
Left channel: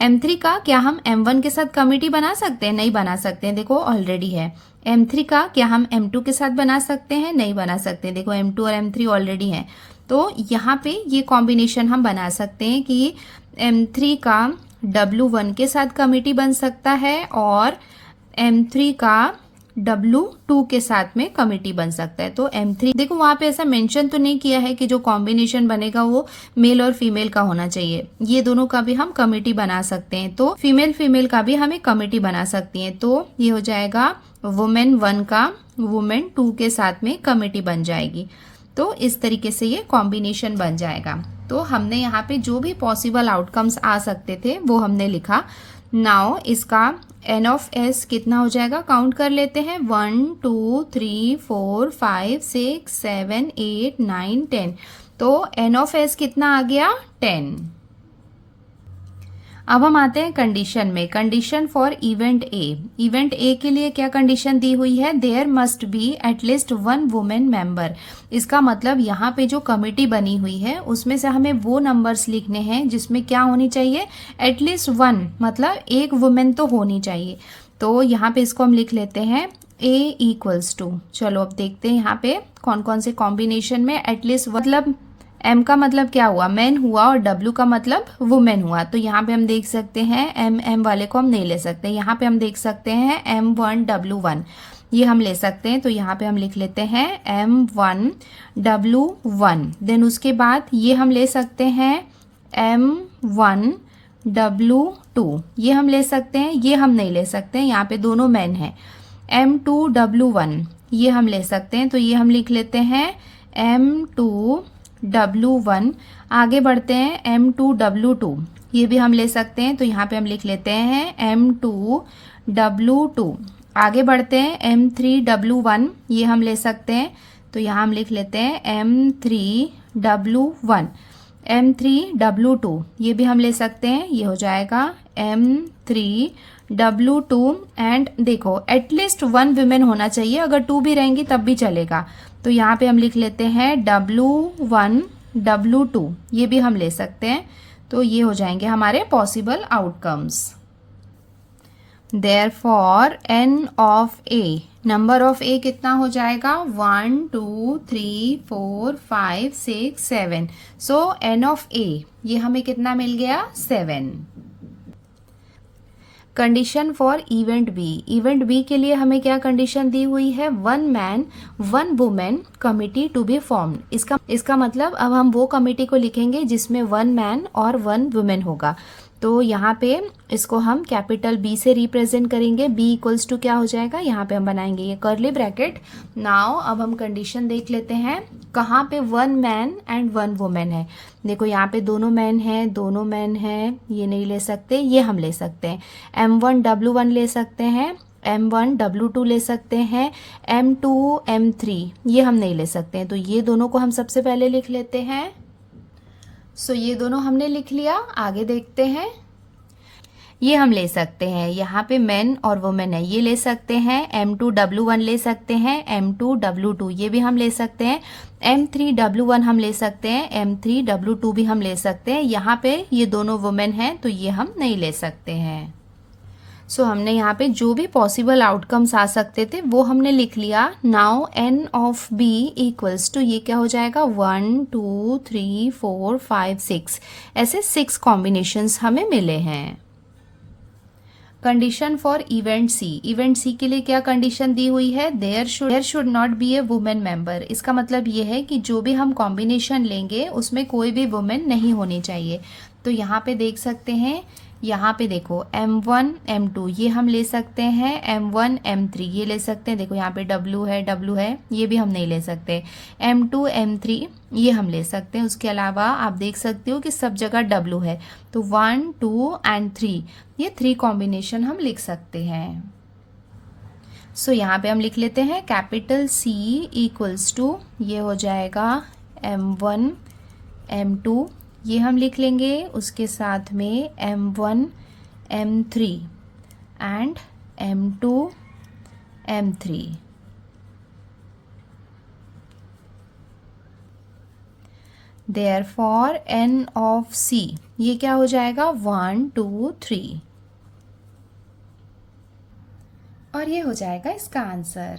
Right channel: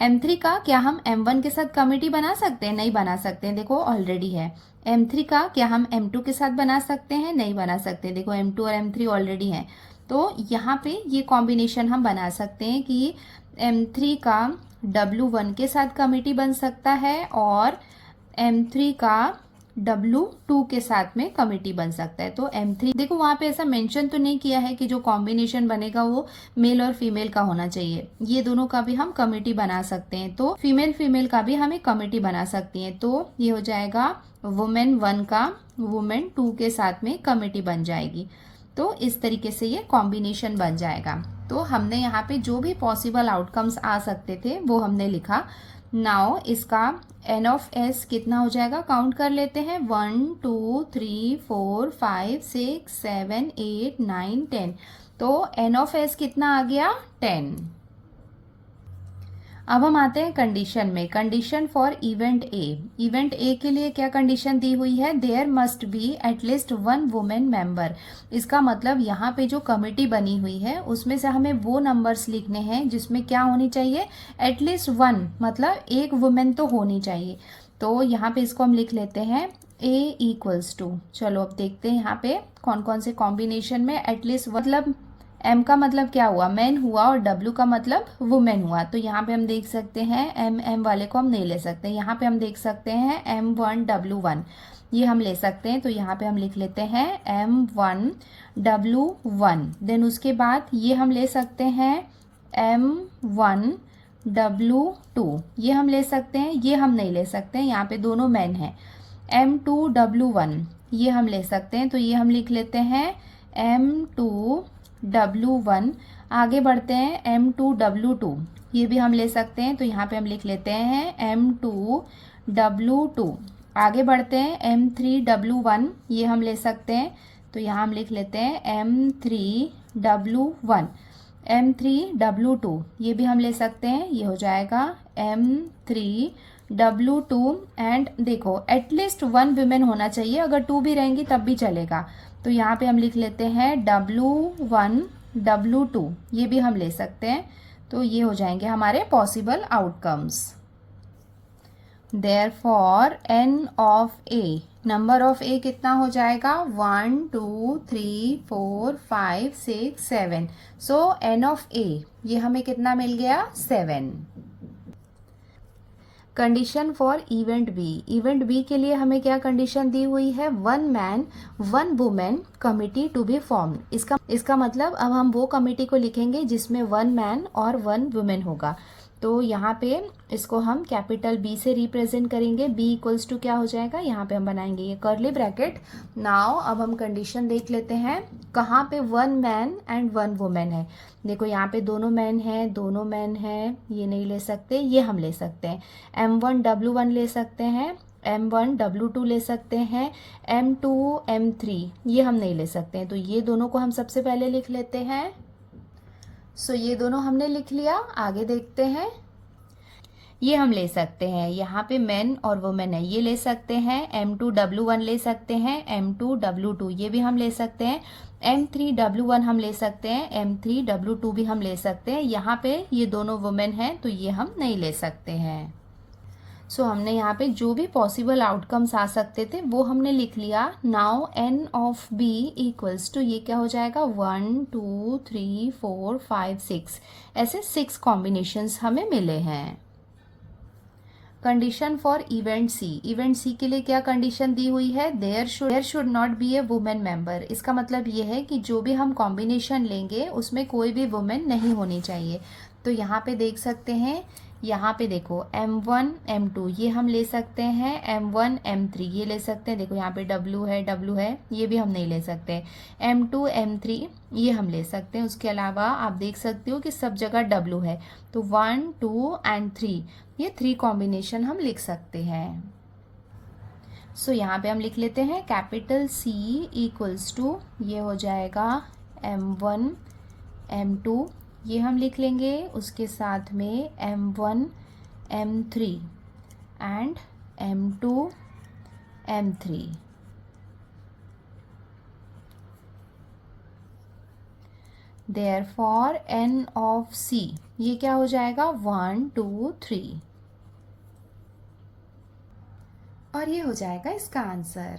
M3 का क्या हम M1 के साथ कमिटी बना सकते हैं, नहीं बना सकते हैं, देखो ऑलरेडी है। M3 का क्या हम M2 के साथ बना सकते हैं, नहीं बना सकते, देखो M2 और M3 ऑलरेडी हैं। तो यहाँ पे ये कॉम्बिनेशन हम बना सकते हैं कि M3 का W1 के साथ कमिटी बन सकता है और M3 का W2 के साथ में कमिटी बन सकता है। तो M3 देखो वहां पे ऐसा मेंशन तो नहीं किया है कि जो कॉम्बिनेशन बनेगा वो मेल और फीमेल का होना चाहिए, ये दोनों का भी हम कमिटी बना सकते हैं। तो फीमेल का भी हमें कमिटी बना सकती है। तो ये हो जाएगा वुमेन 1 का वुमेन 2 के साथ में कमिटी बन जाएगी। तो इस तरीके से ये कॉम्बिनेशन बन जाएगा। तो हमने यहाँ पे जो भी पॉसिबल आउटकम्स आ सकते थे वो हमने लिखा। नाउ इसका N ऑफ S कितना हो जाएगा, काउंट कर लेते हैं। 1 2 3 4 5 6 7 8 9 10। तो N ऑफ S कितना आ गया, 10। अब हम आते हैं कंडीशन में, condition for event A. Event A के लिए क्या कंडीशन दी हुई है, there must be at least 1 women member. इसका मतलब यहाँ पे जो कमिटी बनी हुई है उसमें से हमें वो नंबर्स लिखने हैं जिसमें क्या होनी चाहिए, एटलीस्ट 1, मतलब एक वुमेन तो होनी चाहिए। तो यहाँ पे इसको हम लिख लेते हैं A इक्वल्स टू, चलो अब देखते हैं यहाँ पे कौन कौन से कॉम्बिनेशन में एटलीस्ट, मतलब M का मतलब क्या हुआ, मैन हुआ, और W का मतलब वुमेन हुआ। तो यहाँ पे हम देख सकते हैं M वाले को हम नहीं ले सकते। यहाँ पे हम देख सकते हैं M1 W1, ये हम ले सकते हैं। तो यहाँ पे हम लिख लेते हैं M1 W1। देन उसके बाद ये हम ले सकते हैं M1 W2, ये हम ले सकते हैं। ये हम नहीं ले सकते हैं, यहाँ पे दोनों मैन हैं। M2 W1 ये हम ले सकते हैं। तो ये हम लिख लेते हैं M2 W1। आगे बढ़ते हैं M2 W2, ये भी हम ले सकते हैं, तो यहाँ पे हम लिख लेते हैं M2W2। आगे बढ़ते हैं, M3W1 ये हम ले सकते हैं, तो यहाँ हम लिख लेते हैं M3W1। M3W2 ये भी हम ले सकते हैं, ये हो जाएगा M3W2। एंड देखो एटलीस्ट 1 वुमेन होना चाहिए, अगर 2 भी रहेंगी तब भी चलेगा, तो यहाँ पे हम लिख लेते हैं W1 W2 ये भी हम ले सकते हैं, तो ये हो जाएंगे हमारे possible outcomes. Therefore n of A, number of A कितना हो जाएगा 1 2 3 4 5 6 7। सो n ऑफ A ये हमें कितना मिल गया 7। Condition for event B, event B के लिए हमें क्या कंडीशन दी हुई है 1 man 1 women committee to be formed. इसका मतलब अब हम वो कमिटी को लिखेंगे जिसमें 1 मैन और 1 वुमेन होगा। तो यहाँ पे इसको हम कैपिटल बी से रिप्रेजेंट करेंगे, बी इक्वल्स टू क्या हो जाएगा, यहाँ पे हम बनाएंगे ये कर्ली ब्रैकेट। नाउ अब हम कंडीशन देख लेते हैं कहाँ पे 1 मैन एंड 1 वुमेन है। देखो यहाँ पे दोनों मैन हैं, दोनों मैन हैं, ये नहीं ले सकते, ये हम ले सकते हैं। M1W1 ले सकते हैं, M1W2 ले सकते हैं, M2 M3 ये हम नहीं ले सकते हैं, तो ये दोनों को हम सबसे पहले लिख लेते हैं। सो ये दोनों हमने लिख लिया। आगे देखते हैं, ये हम ले सकते हैं, यहाँ पे मैन और वुमेन है, ये ले सकते हैं। M2W1 ले सकते हैं, M2W2 ये भी हम ले सकते हैं, M3W1 हम ले सकते हैं, M3W2 भी हम ले सकते हैं। यहाँ पे ये दोनों वुमेन हैं, तो ये हम नहीं ले सकते हैं। सो हमने यहाँ पे जो भी पॉसिबल आउटकम्स आ सकते थे वो हमने लिख लिया। Now n of b equals to ये क्या हो जाएगा 1 2 3 4 5 6, ऐसे 6 कॉम्बिनेशंस हमें मिले हैं। Condition for event C, event C के लिए क्या कंडीशन दी हुई है, there should not be a women member. इसका मतलब ये है कि जो भी हम कॉम्बिनेशन लेंगे उसमें कोई भी वुमेन नहीं होनी चाहिए। तो यहाँ पे देख सकते हैं, यहाँ पे देखो M1 M2 ये हम ले सकते हैं, M1 M3 ये ले सकते हैं। देखो यहाँ पे W है ये भी हम नहीं ले सकते। M2 M3 ये हम ले सकते हैं। उसके अलावा आप देख सकते हो कि सब जगह W है, तो 1 2 एंड 3 ये 3 कॉम्बिनेशन हम लिख सकते हैं। सो यहाँ पे हम लिख लेते हैं कैपिटल C इक्वल्स टू ये हो जाएगा M1 M2 ये हम लिख लेंगे, उसके साथ में M1 M3 and M2 M3। Therefore n of C ये क्या हो जाएगा 1 2 3, और ये हो जाएगा इसका आंसर।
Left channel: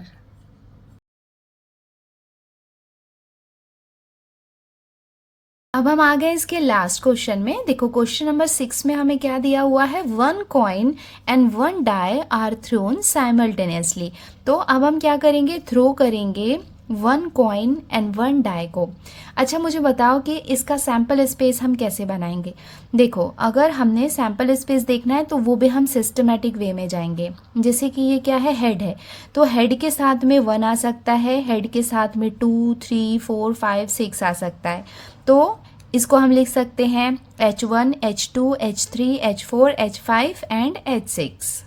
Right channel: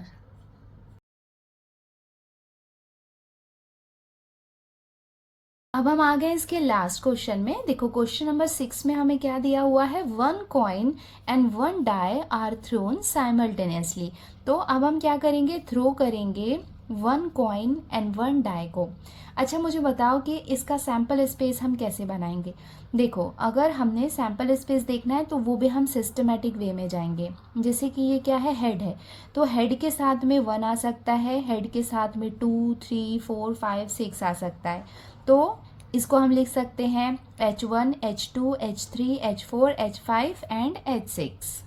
अब हम आ गए इसके लास्ट क्वेश्चन में। देखो क्वेश्चन नंबर 6 में हमें क्या दिया हुआ है 1 coin and 1 die are thrown simultaneously. तो अब हम क्या करेंगे, थ्रो करेंगे 1 कॉइन एंड 1 डाई को। अच्छा मुझे बताओ कि इसका सैम्पल स्पेस हम कैसे बनाएंगे। देखो अगर हमने सैम्पल स्पेस देखना है तो वो भी हम सिस्टमेटिक वे में जाएंगे। जैसे कि ये क्या है, हेड है, तो हेड के साथ में 1 आ सकता है, हेड के साथ में 2 3 4 5 6 आ सकता है। तो इसको हम लिख सकते हैं H1 H2 H3 H4 H5 and H6।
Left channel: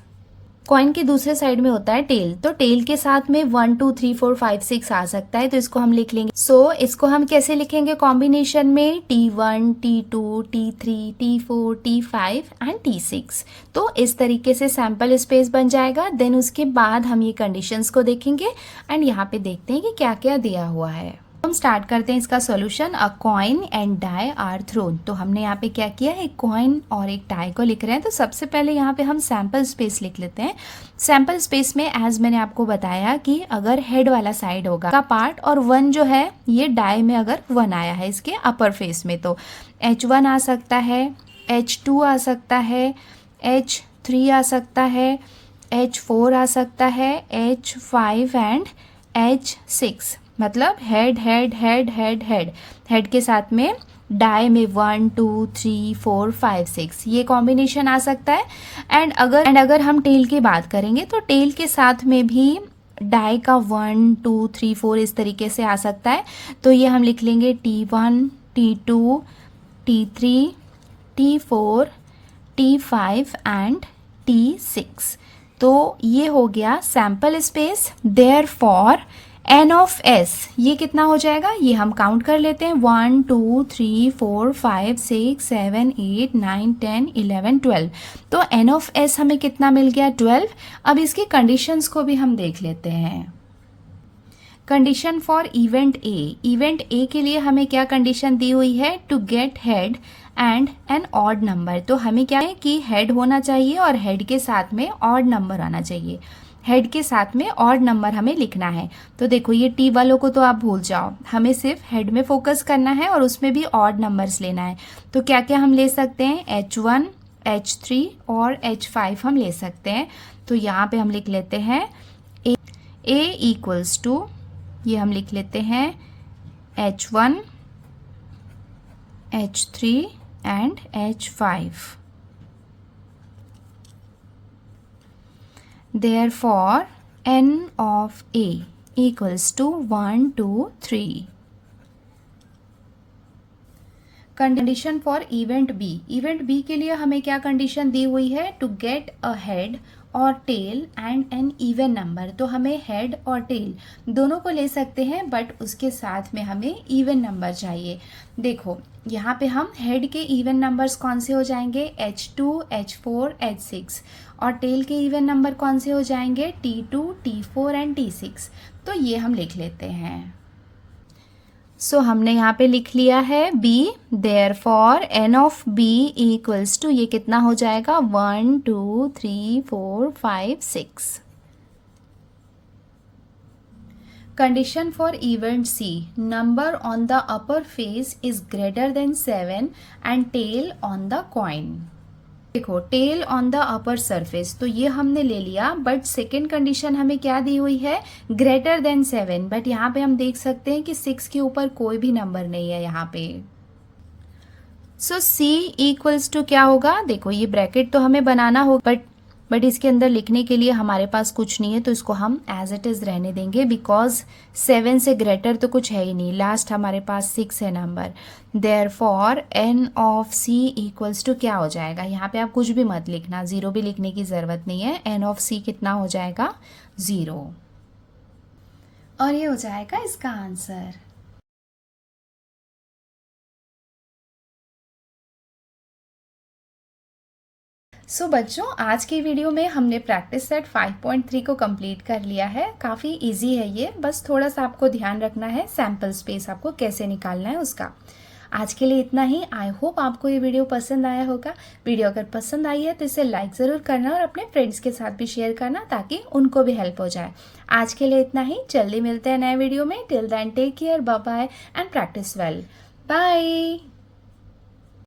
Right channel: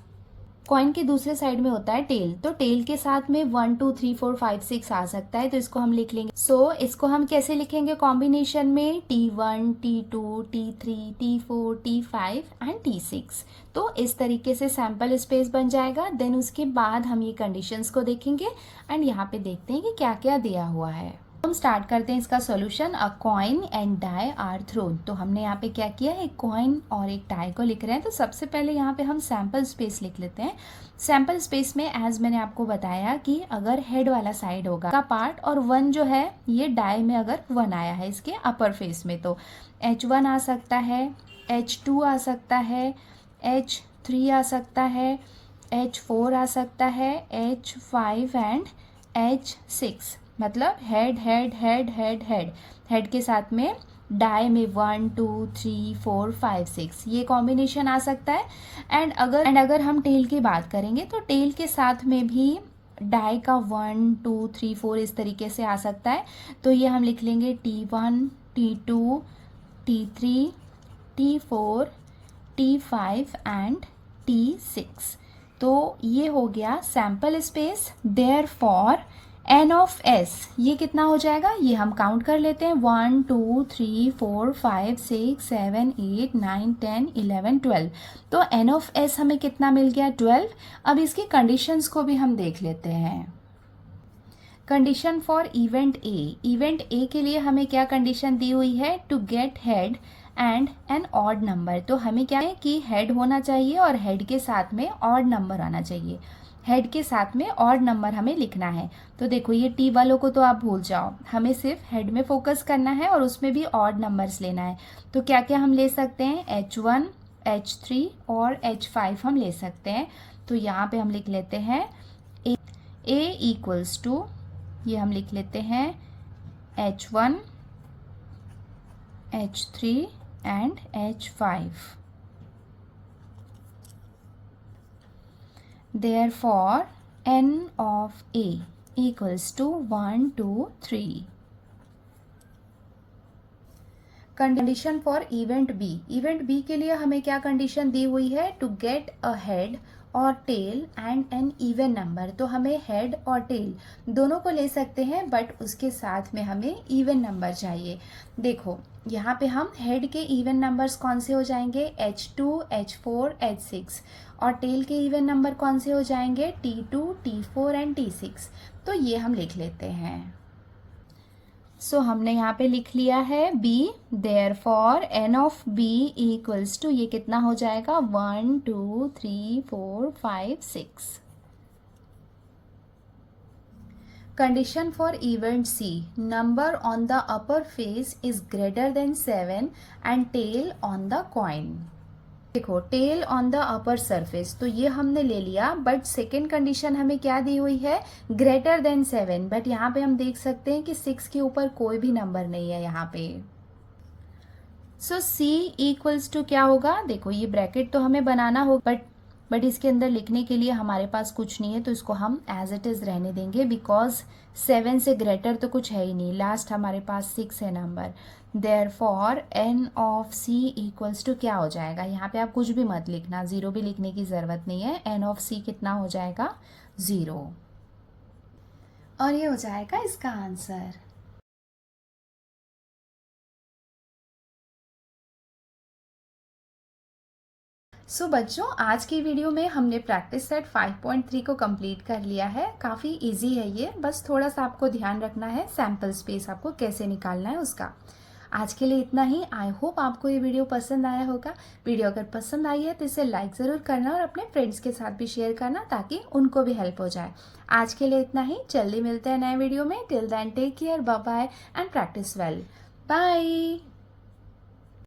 Coin के दूसरे साइड में होता है टेल, तो टेल के साथ में 1 2 3 4 5 6 आ सकता है, तो इसको हम लिख लेंगे। सो इसको हम कैसे लिखेंगे कॉम्बिनेशन में T1 T2 T3 T4 T5 and T6। तो इस तरीके से सैम्पल स्पेस बन जाएगा। देन उसके बाद हम ये कंडीशंस को देखेंगे एंड यहाँ पे देखते हैं कि क्या क्या दिया हुआ है। हम स्टार्ट करते हैं इसका solution. A coin and die are thrown. तो हमने यहाँ पे क्या किया, एक कॉइन और एक डाई को लिख रहे हैं। तो सबसे पहले यहाँ पे हम सैम्पल स्पेस लिख लेते हैं। सैम्पल स्पेस में एज मैंने आपको बताया कि अगर हेड वाला साइड होगा का पार्ट और 1 जो है ये डाई में अगर 1 आया है इसके अपर फेस में, तो H1 आ सकता है, H2 आ सकता है, H3 आ सकता है, H4 आ सकता है, H5 एंड H6। मतलब head head head head head head के साथ में डाई में 1 2 3 4 5 6 ये कॉम्बिनेशन आ सकता है। एंड अगर हम टेल की बात करेंगे तो टेल के साथ में भी डाई का 1 2 3 4 इस तरीके से आ सकता है। तो ये हम लिख लेंगे T1 T2 T3 T4 T5 and T6। तो ये हो गया sample space. Therefore n of s ये कितना हो जाएगा, ये हम काउंट कर लेते हैं। 1 2 3 4 5 6 7 8 9 10 11 12। तो n ऑफ s हमें कितना मिल गया, 12। अब इसकी कंडीशंस को भी हम देख लेते हैं। Condition for event A, event A के लिए हमें क्या कंडीशन दी हुई है, to get head and an odd number. तो हमें क्या है कि हेड होना चाहिए और हेड के साथ में ऑड नंबर आना चाहिए। हेड के साथ में ऑड नंबर हमें लिखना है। तो देखो ये टी वालों को तो आप भूल जाओ, हमें सिर्फ हेड में फोकस करना है और उसमें भी ऑड नंबर्स लेना है। तो क्या क्या हम ले सकते हैं, H1, H3 और H5 हम ले सकते हैं। तो यहाँ पे हम लिख लेते हैं A इक्वल्स टू, ये हम लिख लेते हैं H1, H3 and H5। Therefore, n of A equals to 1 2 3। Condition for event B, event B के लिए हमें क्या कंडीशन दी हुई है, टू गेट अ हेड और tail and an even number. तो हमें हेड और टेल दोनों को ले सकते हैं, बट उसके साथ में हमें इवन नंबर चाहिए। देखो यहाँ पे हम हेड के इवन नंबर्स कौन से हो जाएंगे, H2, H4, H6, और टेल के इवन नंबर कौन से हो जाएंगे, T2, T4 एंड T6। तो ये हम लिख लेते हैं। सो हमने यहाँ पे लिख लिया है B, therefore n of B equals to, ये कितना हो जाएगा, 1 2 3 4 5 6। Condition for event C, number on the upper face is greater than 7 and tail on the coin. देखो tail on the upper surface, तो ये हमने ले लिया, बट सेकेंड कंडीशन हमें क्या दी हुई है, ग्रेटर देन 7। बट यहाँ पे हम देख सकते हैं कि 6 के ऊपर कोई भी नंबर नहीं है यहाँ पे। सो C इक्वल्स टू क्या होगा, देखो ये ब्रैकेट तो हमें बनाना होगा, बट इसके अंदर लिखने के लिए हमारे पास कुछ नहीं है, तो इसको हम एज इट इज रहने देंगे, बिकॉज 7 से ग्रेटर तो कुछ है ही नहीं। लास्ट हमारे पास 6 है number. Therefore n of C equals to क्या हो जाएगा, यहाँ पे आप कुछ भी मत लिखना, 0 भी लिखने की ज़रूरत नहीं है। n ऑफ C कितना हो जाएगा, 0, और ये हो जाएगा इसका आंसर। सो बच्चों, आज की वीडियो में हमने प्रैक्टिस सेट 5.3 को कंप्लीट कर लिया है। काफ़ी इजी है ये, बस थोड़ा सा आपको ध्यान रखना है सैम्पल स्पेस आपको कैसे निकालना है उसका। आज के लिए इतना ही। आई होप आपको ये वीडियो पसंद आया होगा। वीडियो अगर पसंद आई है तो इसे लाइक ज़रूर करना और अपने फ्रेंड्स के साथ भी शेयर करना, ताकि उनको भी हेल्प हो जाए। आज के लिए इतना ही, जल्दी मिलते हैं नए वीडियो में। Till then take care, bye bye and practice well. Bye.